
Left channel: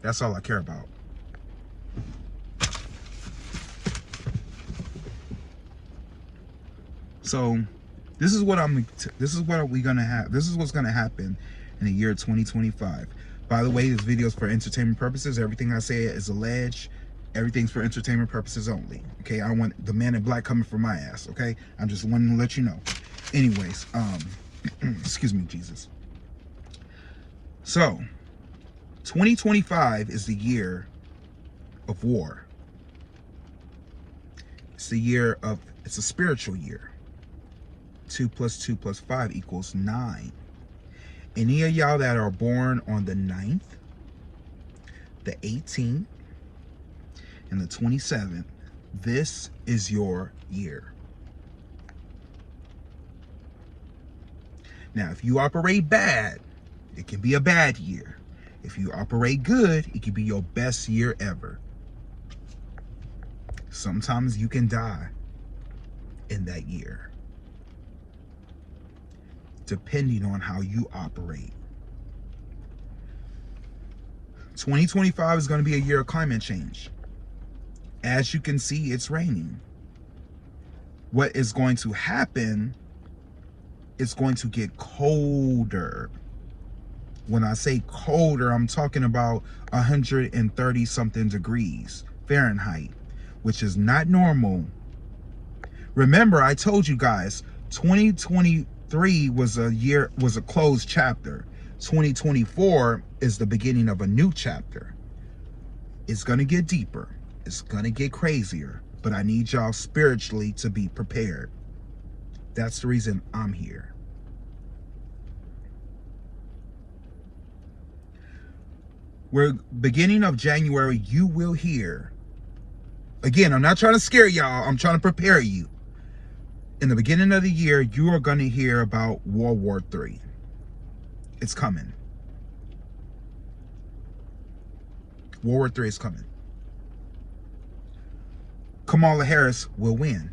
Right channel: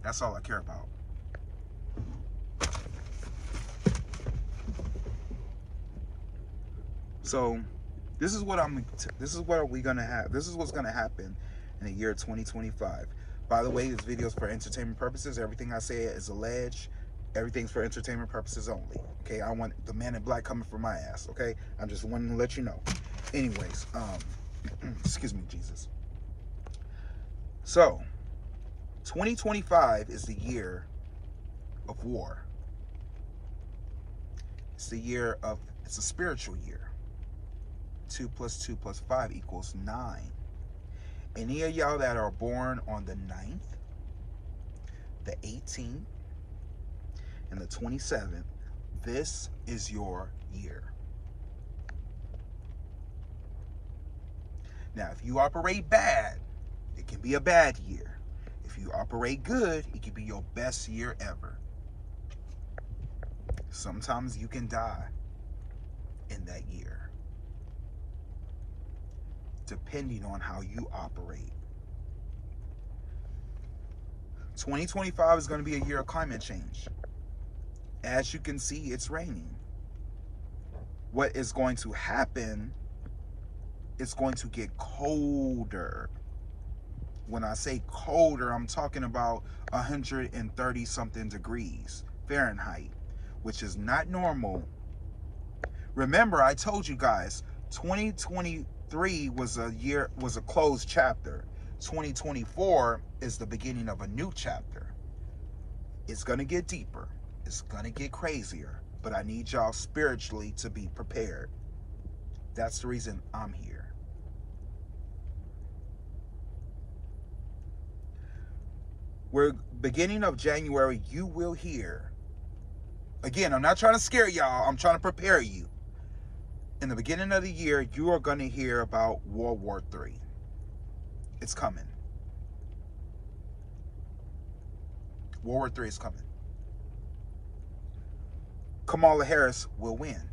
That's all I care about. So This is what we're gonna have. This is what's gonna happen in the year 2025. By the way, this video is for entertainment purposes. Everything I say is alleged. Everything's for entertainment purposes only. Okay, I want the man in black coming for my ass. Okay, I'm just wanting to let you know. Anyways, excuse me, Jesus. So, 2025 is the year of war. It's the year of, it's a spiritual year. 2 + 2 + 5 = 9. Any of y'all that are born on the 9th, the 18th, and the 27th, this is your year. Now, if you operate bad, it can be a bad year. If you operate good, it can be your best year ever. Sometimes you can die in that year, depending on how you operate. 2025 is going to be a year of climate change. As you can see, it's raining. What is going to happen, it's going to get colder. When I say colder, I'm talking about 130 something degrees Fahrenheit, which is not normal. Remember, I told you guys, 2023 was a closed chapter. 2024 is the beginning of a new chapter. It's gonna get deeper. It's gonna get crazier, but I need y'all spiritually to be prepared. That's the reason I'm here. We're beginning of January, you will hear. Again, I'm not trying to scare y'all. I'm trying to prepare you. In the beginning of the year, you are going to hear about World War III. It's coming. World War III is coming. Kamala Harris will win.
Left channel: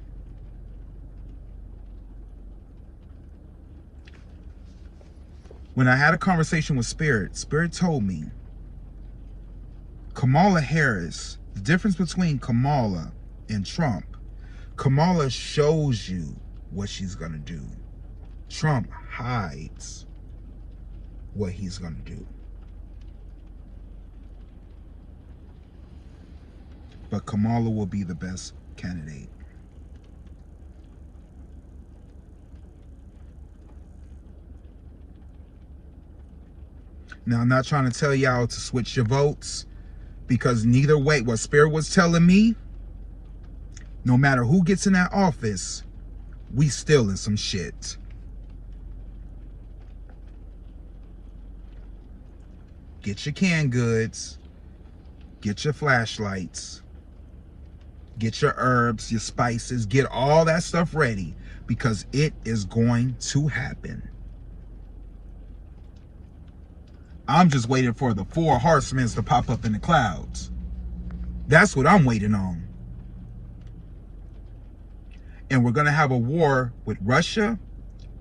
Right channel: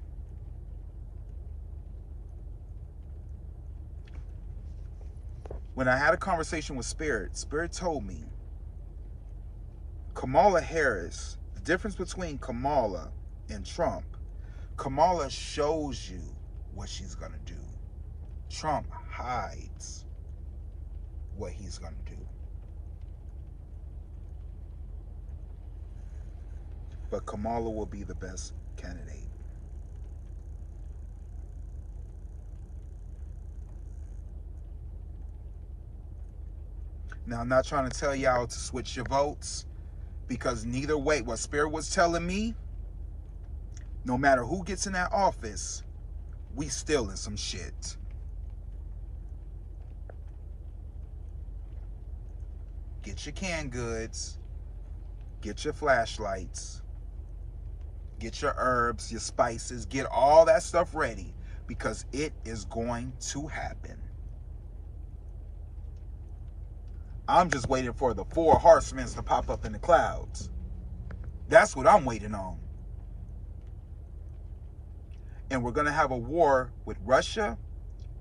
When I had a conversation with Spirit, Spirit told me Kamala Harris, the difference between Kamala and Trump, Kamala shows you what she's going to do. Trump hides what he's going to do. But Kamala will be the best candidate. Now, I'm not trying to tell y'all to switch your votes, because neither way, what Spirit was telling me, no matter who gets in that office, we still in some shit. Get your canned goods, get your flashlights, get your herbs, your spices, get all that stuff ready, because it is going to happen. I'm just waiting for the 4 horsemen to pop up in the clouds. That's what I'm waiting on. And we're going to have a war with Russia,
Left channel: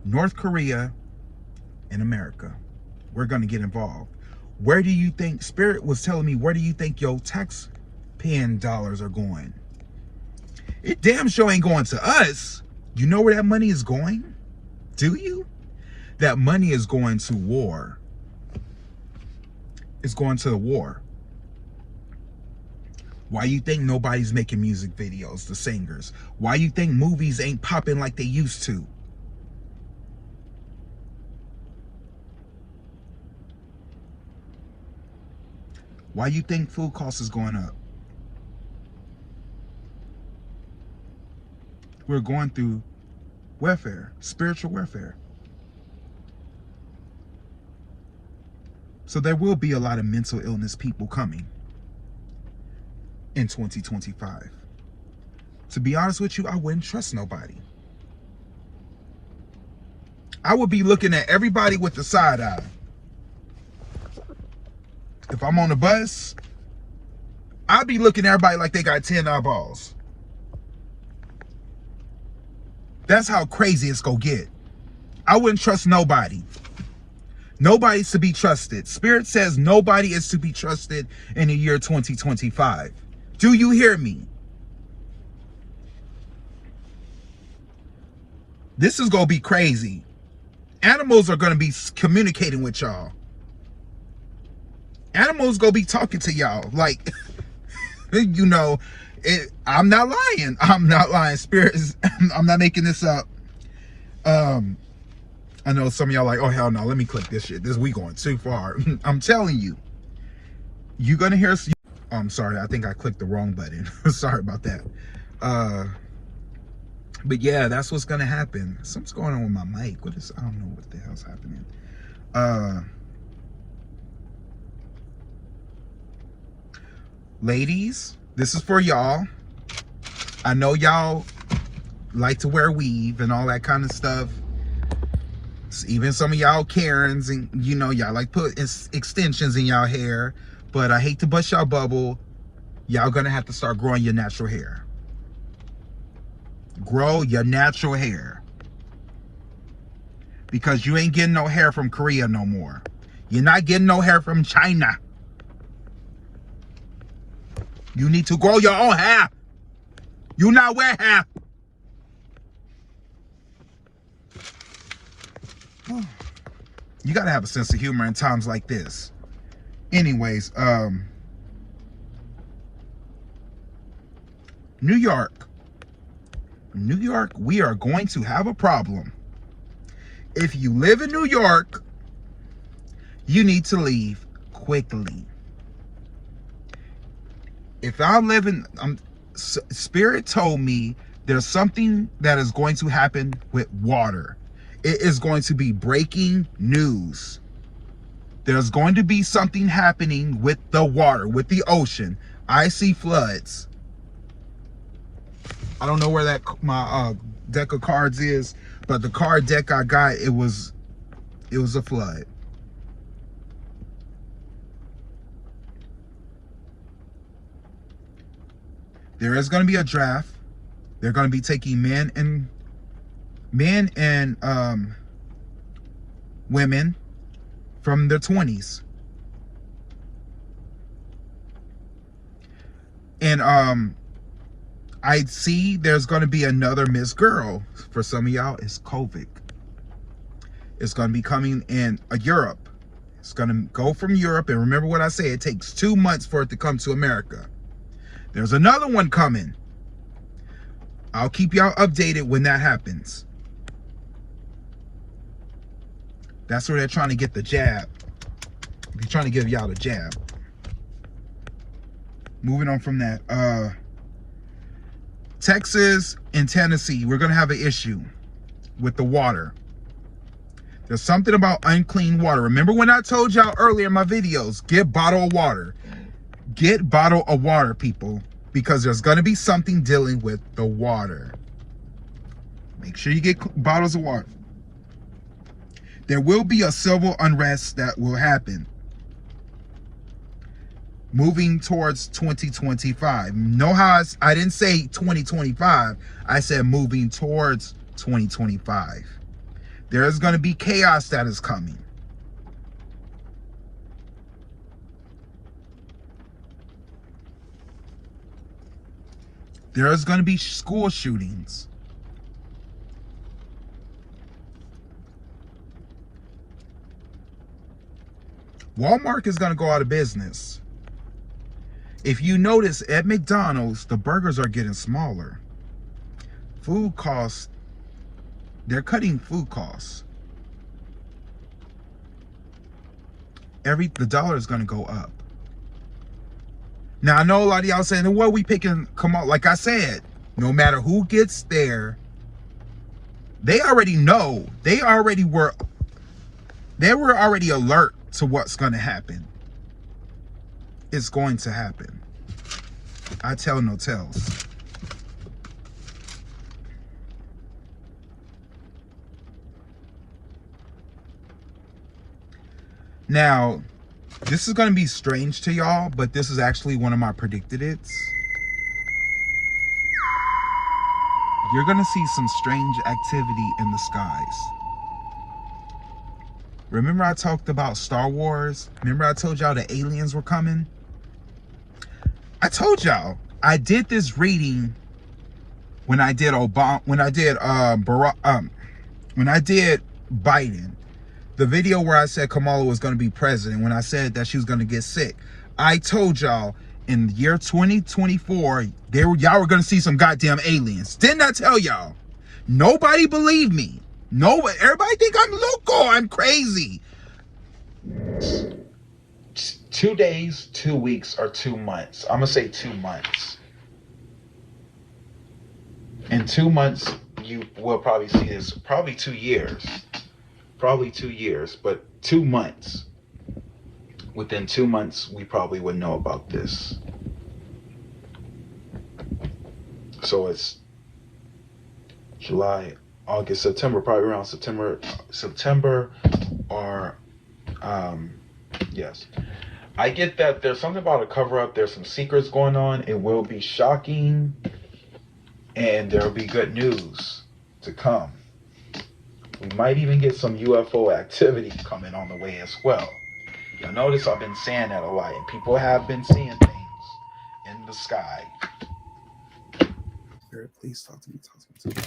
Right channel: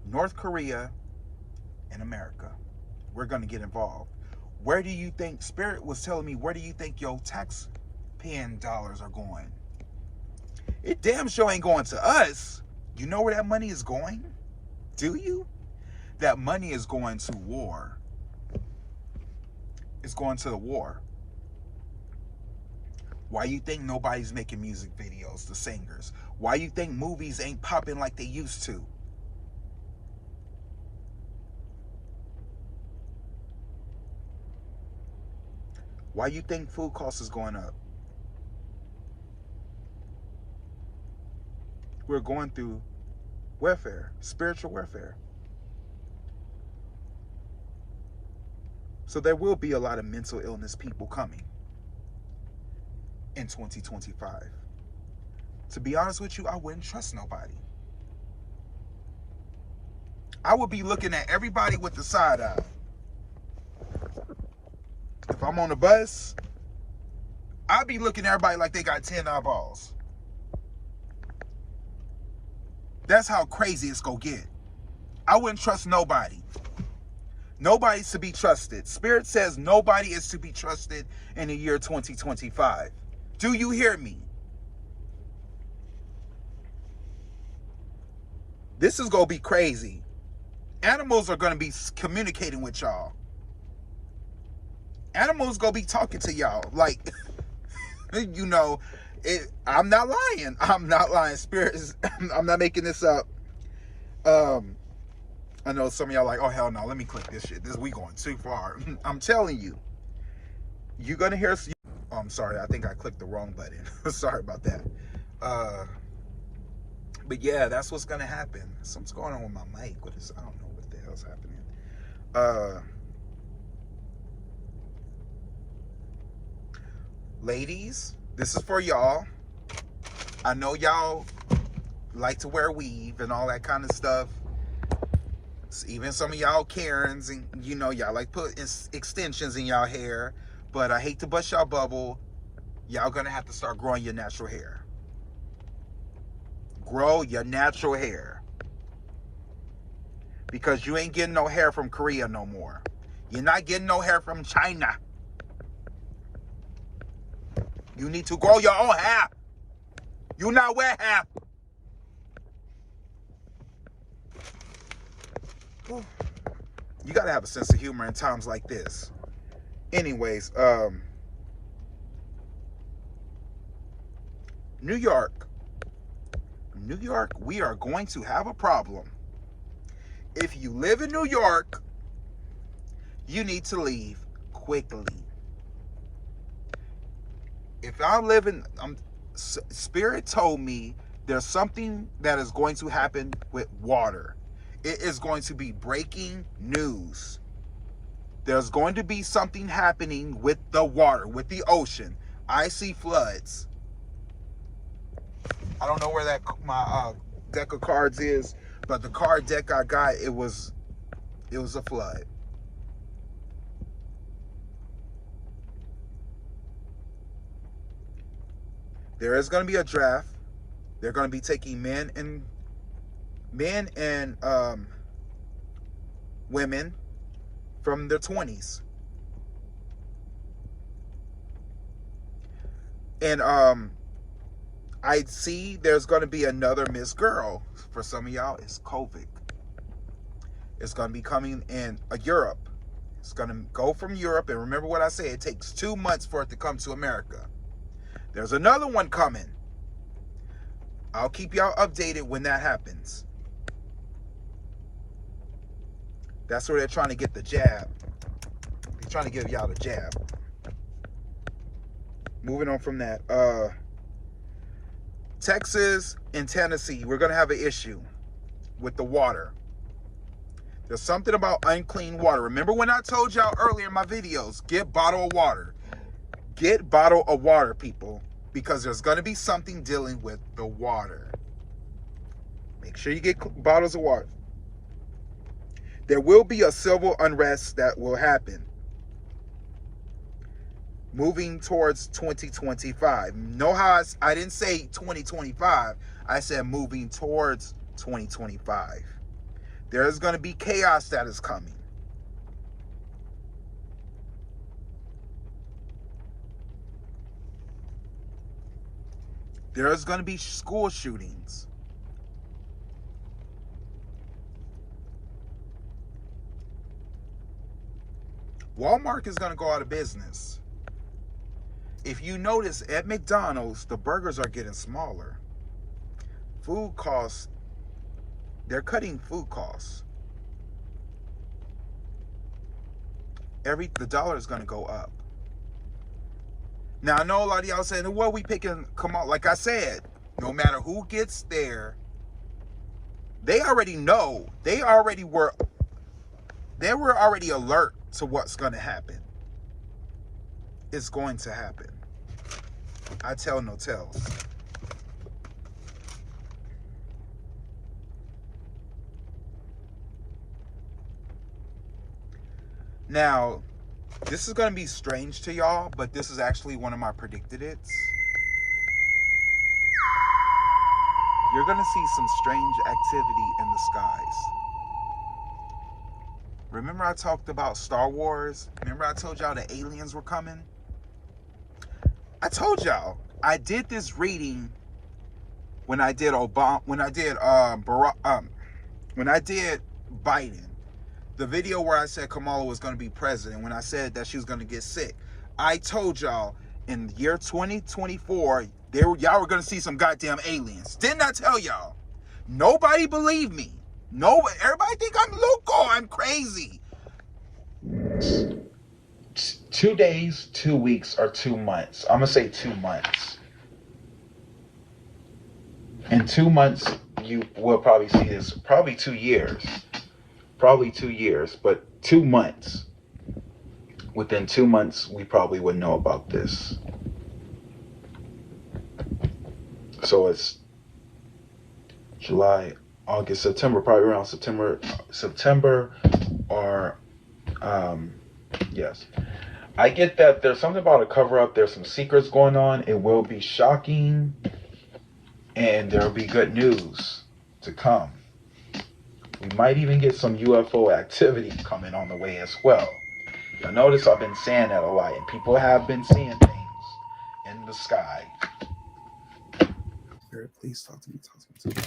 North Korea, and America. We're going to get involved. Where do you think, Spirit was telling me, where do you think your taxpaying dollars are going? It damn sure ain't going to us. You know where that money is going? Do you? That money is going to war. It's going to the war. Why you think nobody's making music videos, the singers? Why you think movies ain't popping like they used to? Why you think food costs is going up? We're going through warfare, spiritual warfare. So there will be a lot of mental illness people coming in 2025. To be honest with you, I wouldn't trust nobody. I would be looking at everybody with the side eye. If I'm on the bus, I'd be looking at everybody like they got 10 eyeballs. That's how crazy it's gonna get. I wouldn't trust nobody. Nobody's to be trusted. Spirit says nobody is to be trusted in the year 2025. Do you hear me? This is gonna be crazy. Animals are gonna be communicating with y'all. Animals gonna be talking to y'all. Like, you know, I'm not lying. I'm not lying. Spirits, I'm not making this up. I know some of y'all like, oh hell no, let me click this shit. We going too far. I'm telling you, you're gonna hear. I'm sorry, I think I clicked the wrong button. Sorry about that. But yeah, that's what's gonna happen. Something's going on with my mic. I don't know what the hell's happening. Ladies, this is for y'all. I know y'all like to wear weave and all that kind of stuff. Even some of y'all Karens, and you know, y'all like put extensions in y'all hair. But I hate to bust y'all bubble. Y'all gonna have to start growing your natural hair. Grow your natural hair. Because you ain't getting no hair from Korea no more. You're not getting no hair from China. You need to grow your own hair. You not wear hair. You gotta have a sense of humor in times like this. Anyways, New York, we are going to have a problem. If you live in New York, you need to leave quickly. If I'm living, Spirit told me there's something that is going to happen with water. It is going to be breaking news. There's going to be something happening with the water, with the ocean. I see floods. I don't know where that my deck of cards is, but the card deck I got, it was a flood. There is going to be a draft. They're going to be taking men and women from their 20s. And I see there's going to be another Miss Girl. For some of y'all, it's COVID. It's going to be coming in Europe. It's going to go from Europe. And remember what I said, it takes 2 months for it to come to America. There's another one coming. I'll keep y'all updated when that happens. That's where they're trying to get the jab. They're trying to give y'all the jab. Moving on from that. Texas and Tennessee, we're going to have an issue with the water. There's something about unclean water. Remember when I told y'all earlier in my videos, get bottled water. Get bottled of water, people, because there's going to be something dealing with the water. Make sure you get bottles of water. There will be a civil unrest that will happen. Moving towards 2025. Know how I didn't say 2025. I said moving towards 2025. There's going to be chaos that is coming. There's going to be school shootings. Walmart is going to go out of business. If you notice, at McDonald's, the burgers are getting smaller. Food costs, they're cutting food costs. The dollar is going to go up. Now, I know a lot of y'all saying, well, we picking, come on. Like I said, no matter who gets there, they already know. They were already alert to what's going to happen. It's going to happen. I tell no tales. Now, this is going to be strange to y'all, but this is actually one of my predicted it's. You're going to see some strange activity in the skies. Remember I talked about Star Wars? Remember I told y'all the aliens were coming? I told y'all I did this reading when I did when I did Biden, the video where I said Kamala was going to be president, when I said that she was going to get sick, I told y'all in the year 2024, y'all were going to see some goddamn aliens. Didn't I tell y'all? Nobody believed me. Nobody. Everybody think I'm loco. I'm crazy. 2 days, 2 weeks, or 2 months. I'm going to say 2 months. In 2 months, you will probably see this. Probably 2 years. Probably 2 years, but 2 months. Within 2 months, we probably would know about this. So it's July, August, September, probably around September or, yes. I get that there's something about a cover-up. There's some secrets going on. It will be shocking, and there will be good news to come. We might even get some UFO activity coming on the way as well. You'll notice I've been saying that a lot, and people have been seeing things in the sky. Spirit, please talk to me, talk to me, talk to me.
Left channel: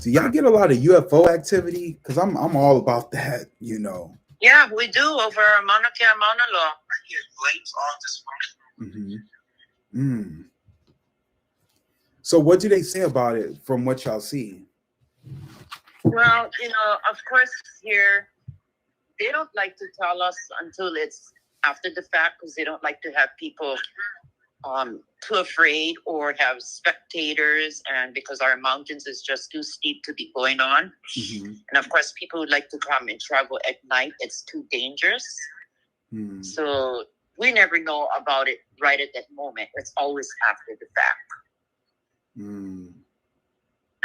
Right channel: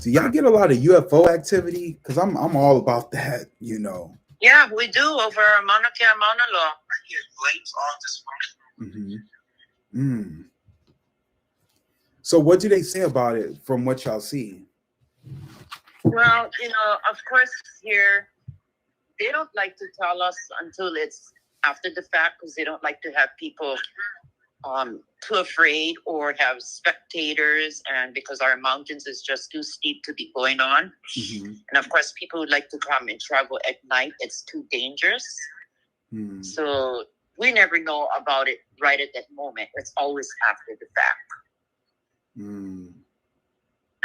So y'all get a lot of UFO activity? Because I'm all about that, you know. Yeah, we do over Mauna Kea, Mauna Loa. It blames all dysfunction. So what do they say about it from what y'all see? Well, you know, of course, here, they don't like to tell us until it's after the fact, because they don't like to have people too afraid or have spectators, and because our mountains is just too steep to be going on. And of course, people would like to come and travel at night. It's too dangerous. So we never know about it right at that moment. It's always after the fact. And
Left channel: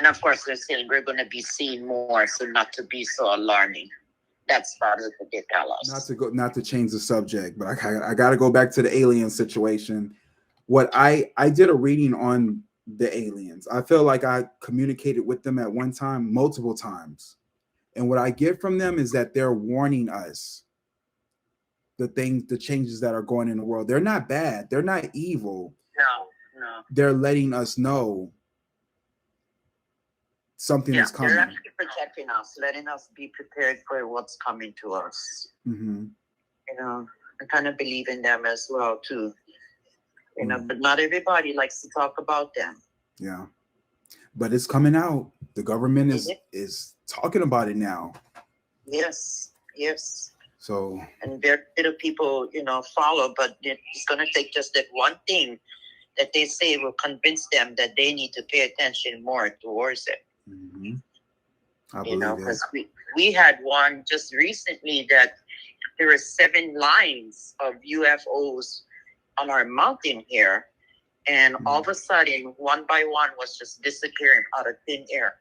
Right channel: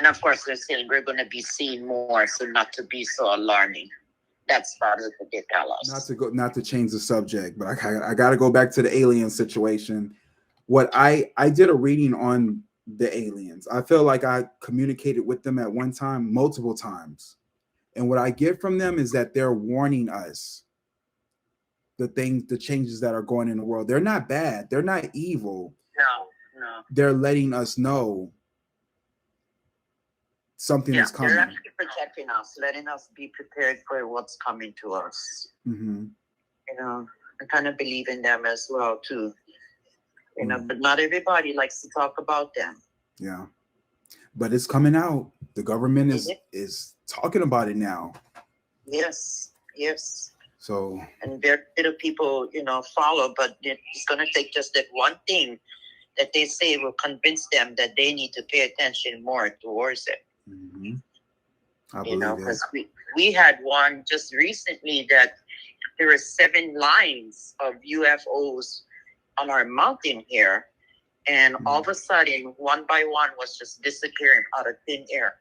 of course, they're saying we're going to be seeing more, so not to be so alarming. That's part of what they tell us. Not to change the subject, but I got to go back to the alien situation. What I did a reading on the aliens. I feel like I communicated with them at one time, multiple times. And what I get from them is that they're warning us the changes that are going in the world. They're not bad. They're not evil. No. They're letting us know something is coming. They're actually protecting us, letting us be prepared for what's coming to us. You know, I kind of believe in them as well, too. You know, but not everybody likes to talk about them. Yeah. But it's coming out. The government is talking about it now. Yes. So, and very little people, you know, follow, but it's going to take just that one thing that they say will convince them that they need to pay attention more towards it. You know, because we had one just recently that there were 7 lines of UFOs on our mountain here, and all of a sudden, one by one was just disappearing out of thin air.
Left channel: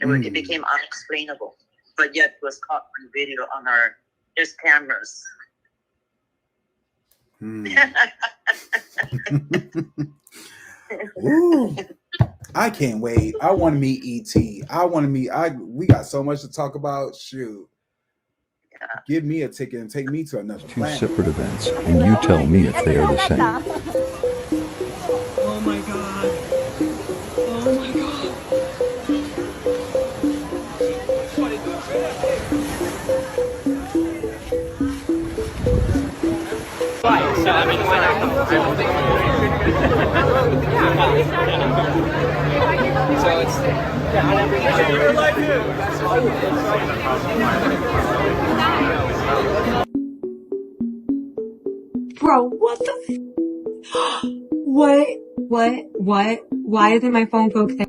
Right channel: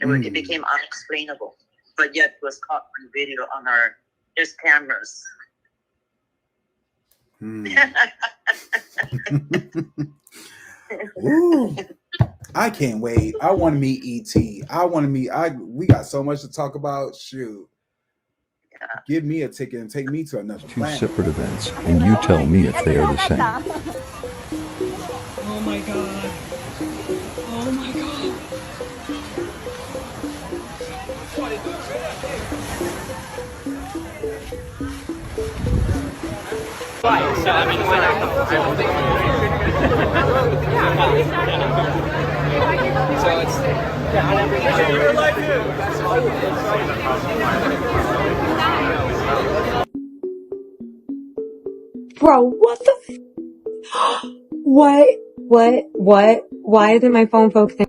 It became unexplainable, but yet it was caught on video on there's cameras. Ooh, I can't wait. I want to meet E.T. We got so much to talk about. Shoot. Give me a ticket and take me to another planet. 2 separate events, and you tell me if they are the same. Oh my god. Oh my god. So I mean, so it's Bro, what the What? Why isn't my phone focusing?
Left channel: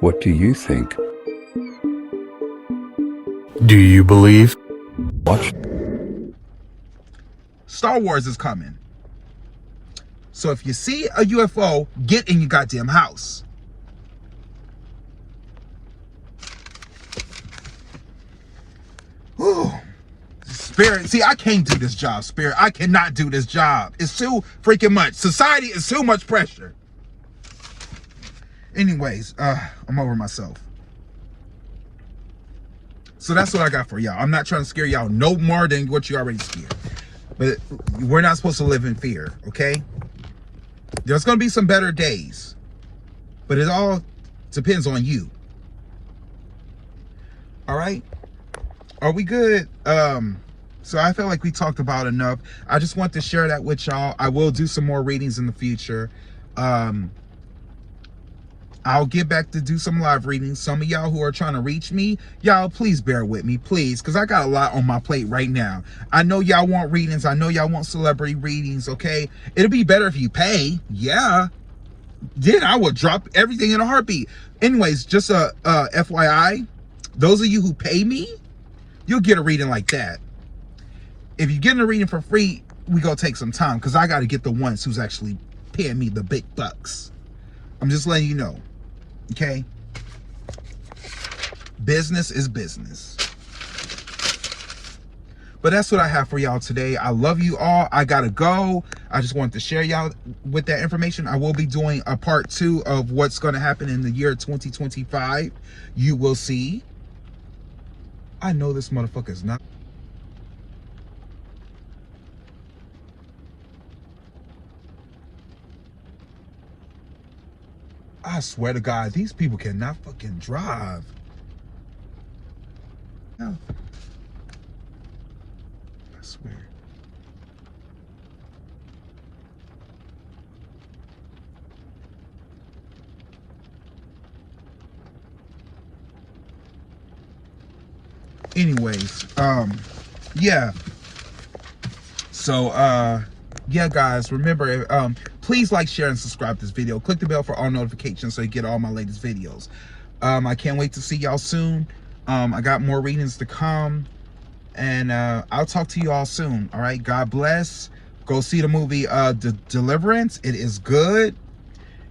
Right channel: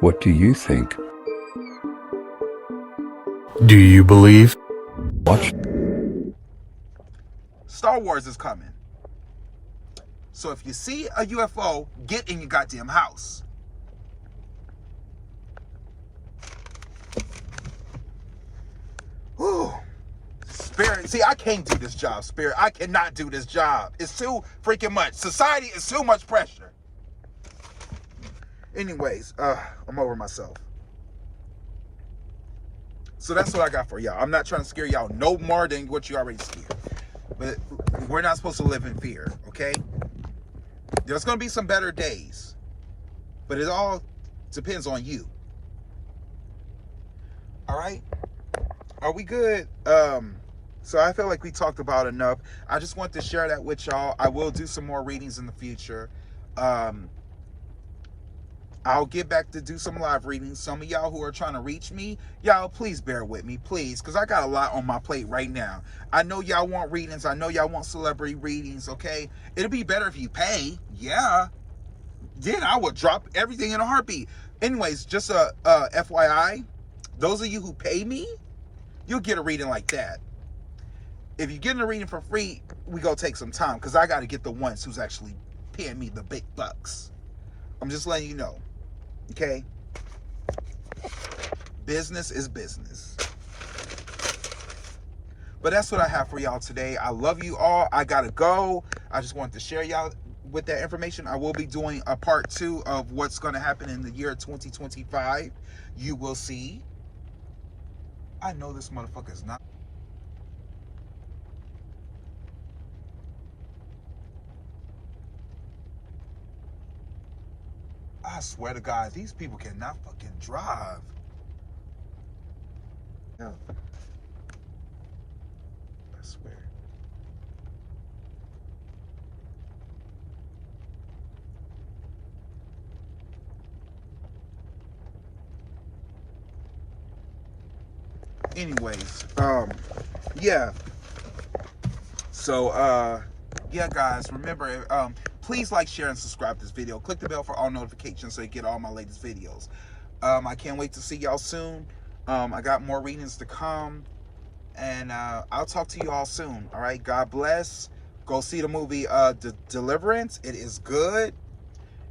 What do you think? Do you believe? Watch. Star Wars is coming. So if you see a UFO, get in your goddamn house. Ooh, Spirit, see, I can't do this job, Spirit. I cannot do this job. It's too freaking much. Society is too much pressure. Anyways, I'm over myself. So that's what I got for y'all. I'm not trying to scare y'all no more than what you already scared. But we're not supposed to live in fear, okay? There's going to be some better days. But it all depends on you. All right? Are we good? So I feel like we talked about enough. I just want to share that with y'all. I will do some more readings in the future. I'll get back to do some live readings. Some of y'all who are trying to reach me, y'all please bear with me, please, because I got a lot on my plate right now. I know y'all want readings. I know y'all want celebrity readings, okay? It'll be better if you pay. Yeah. Then I would drop everything in a heartbeat. Anyways, just a FYI, those of you who pay me, you'll get a reading like that. If you're getting a reading for free, we go take some time, because I got to get the ones who's actually paying me the big bucks. I'm just letting you know. Okay? Business is business. But that's what I have for y'all today. I love you all. I gotta go. I just wanted to share y'all with that information. I will be doing a part 2 of what's going to happen in the year 2025. You will see. I know this motherfucker's not. I swear to God, these people cannot fucking drive. No. I swear. Anyways, yeah. So, yeah, guys, remember, please like, share, and subscribe to this video. Click the bell for all notifications so you get all my latest videos. I can't wait to see y'all soon. I got more readings to come, and I'll talk to you all soon. All right, God bless. Go see the movie Deliverance. It is good.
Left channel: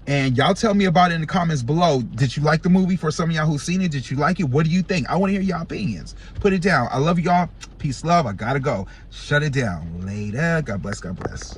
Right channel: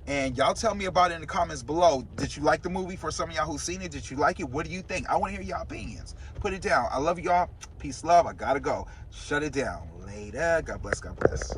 And y'all tell me about it in the comments below. Did you like the movie? For some of y'all who've seen it, did you like it? What do you think? I want to hear y'all opinions. Put it down. I love y'all. Peace, love. I gotta go. Shut it down. Later. God bless. God bless.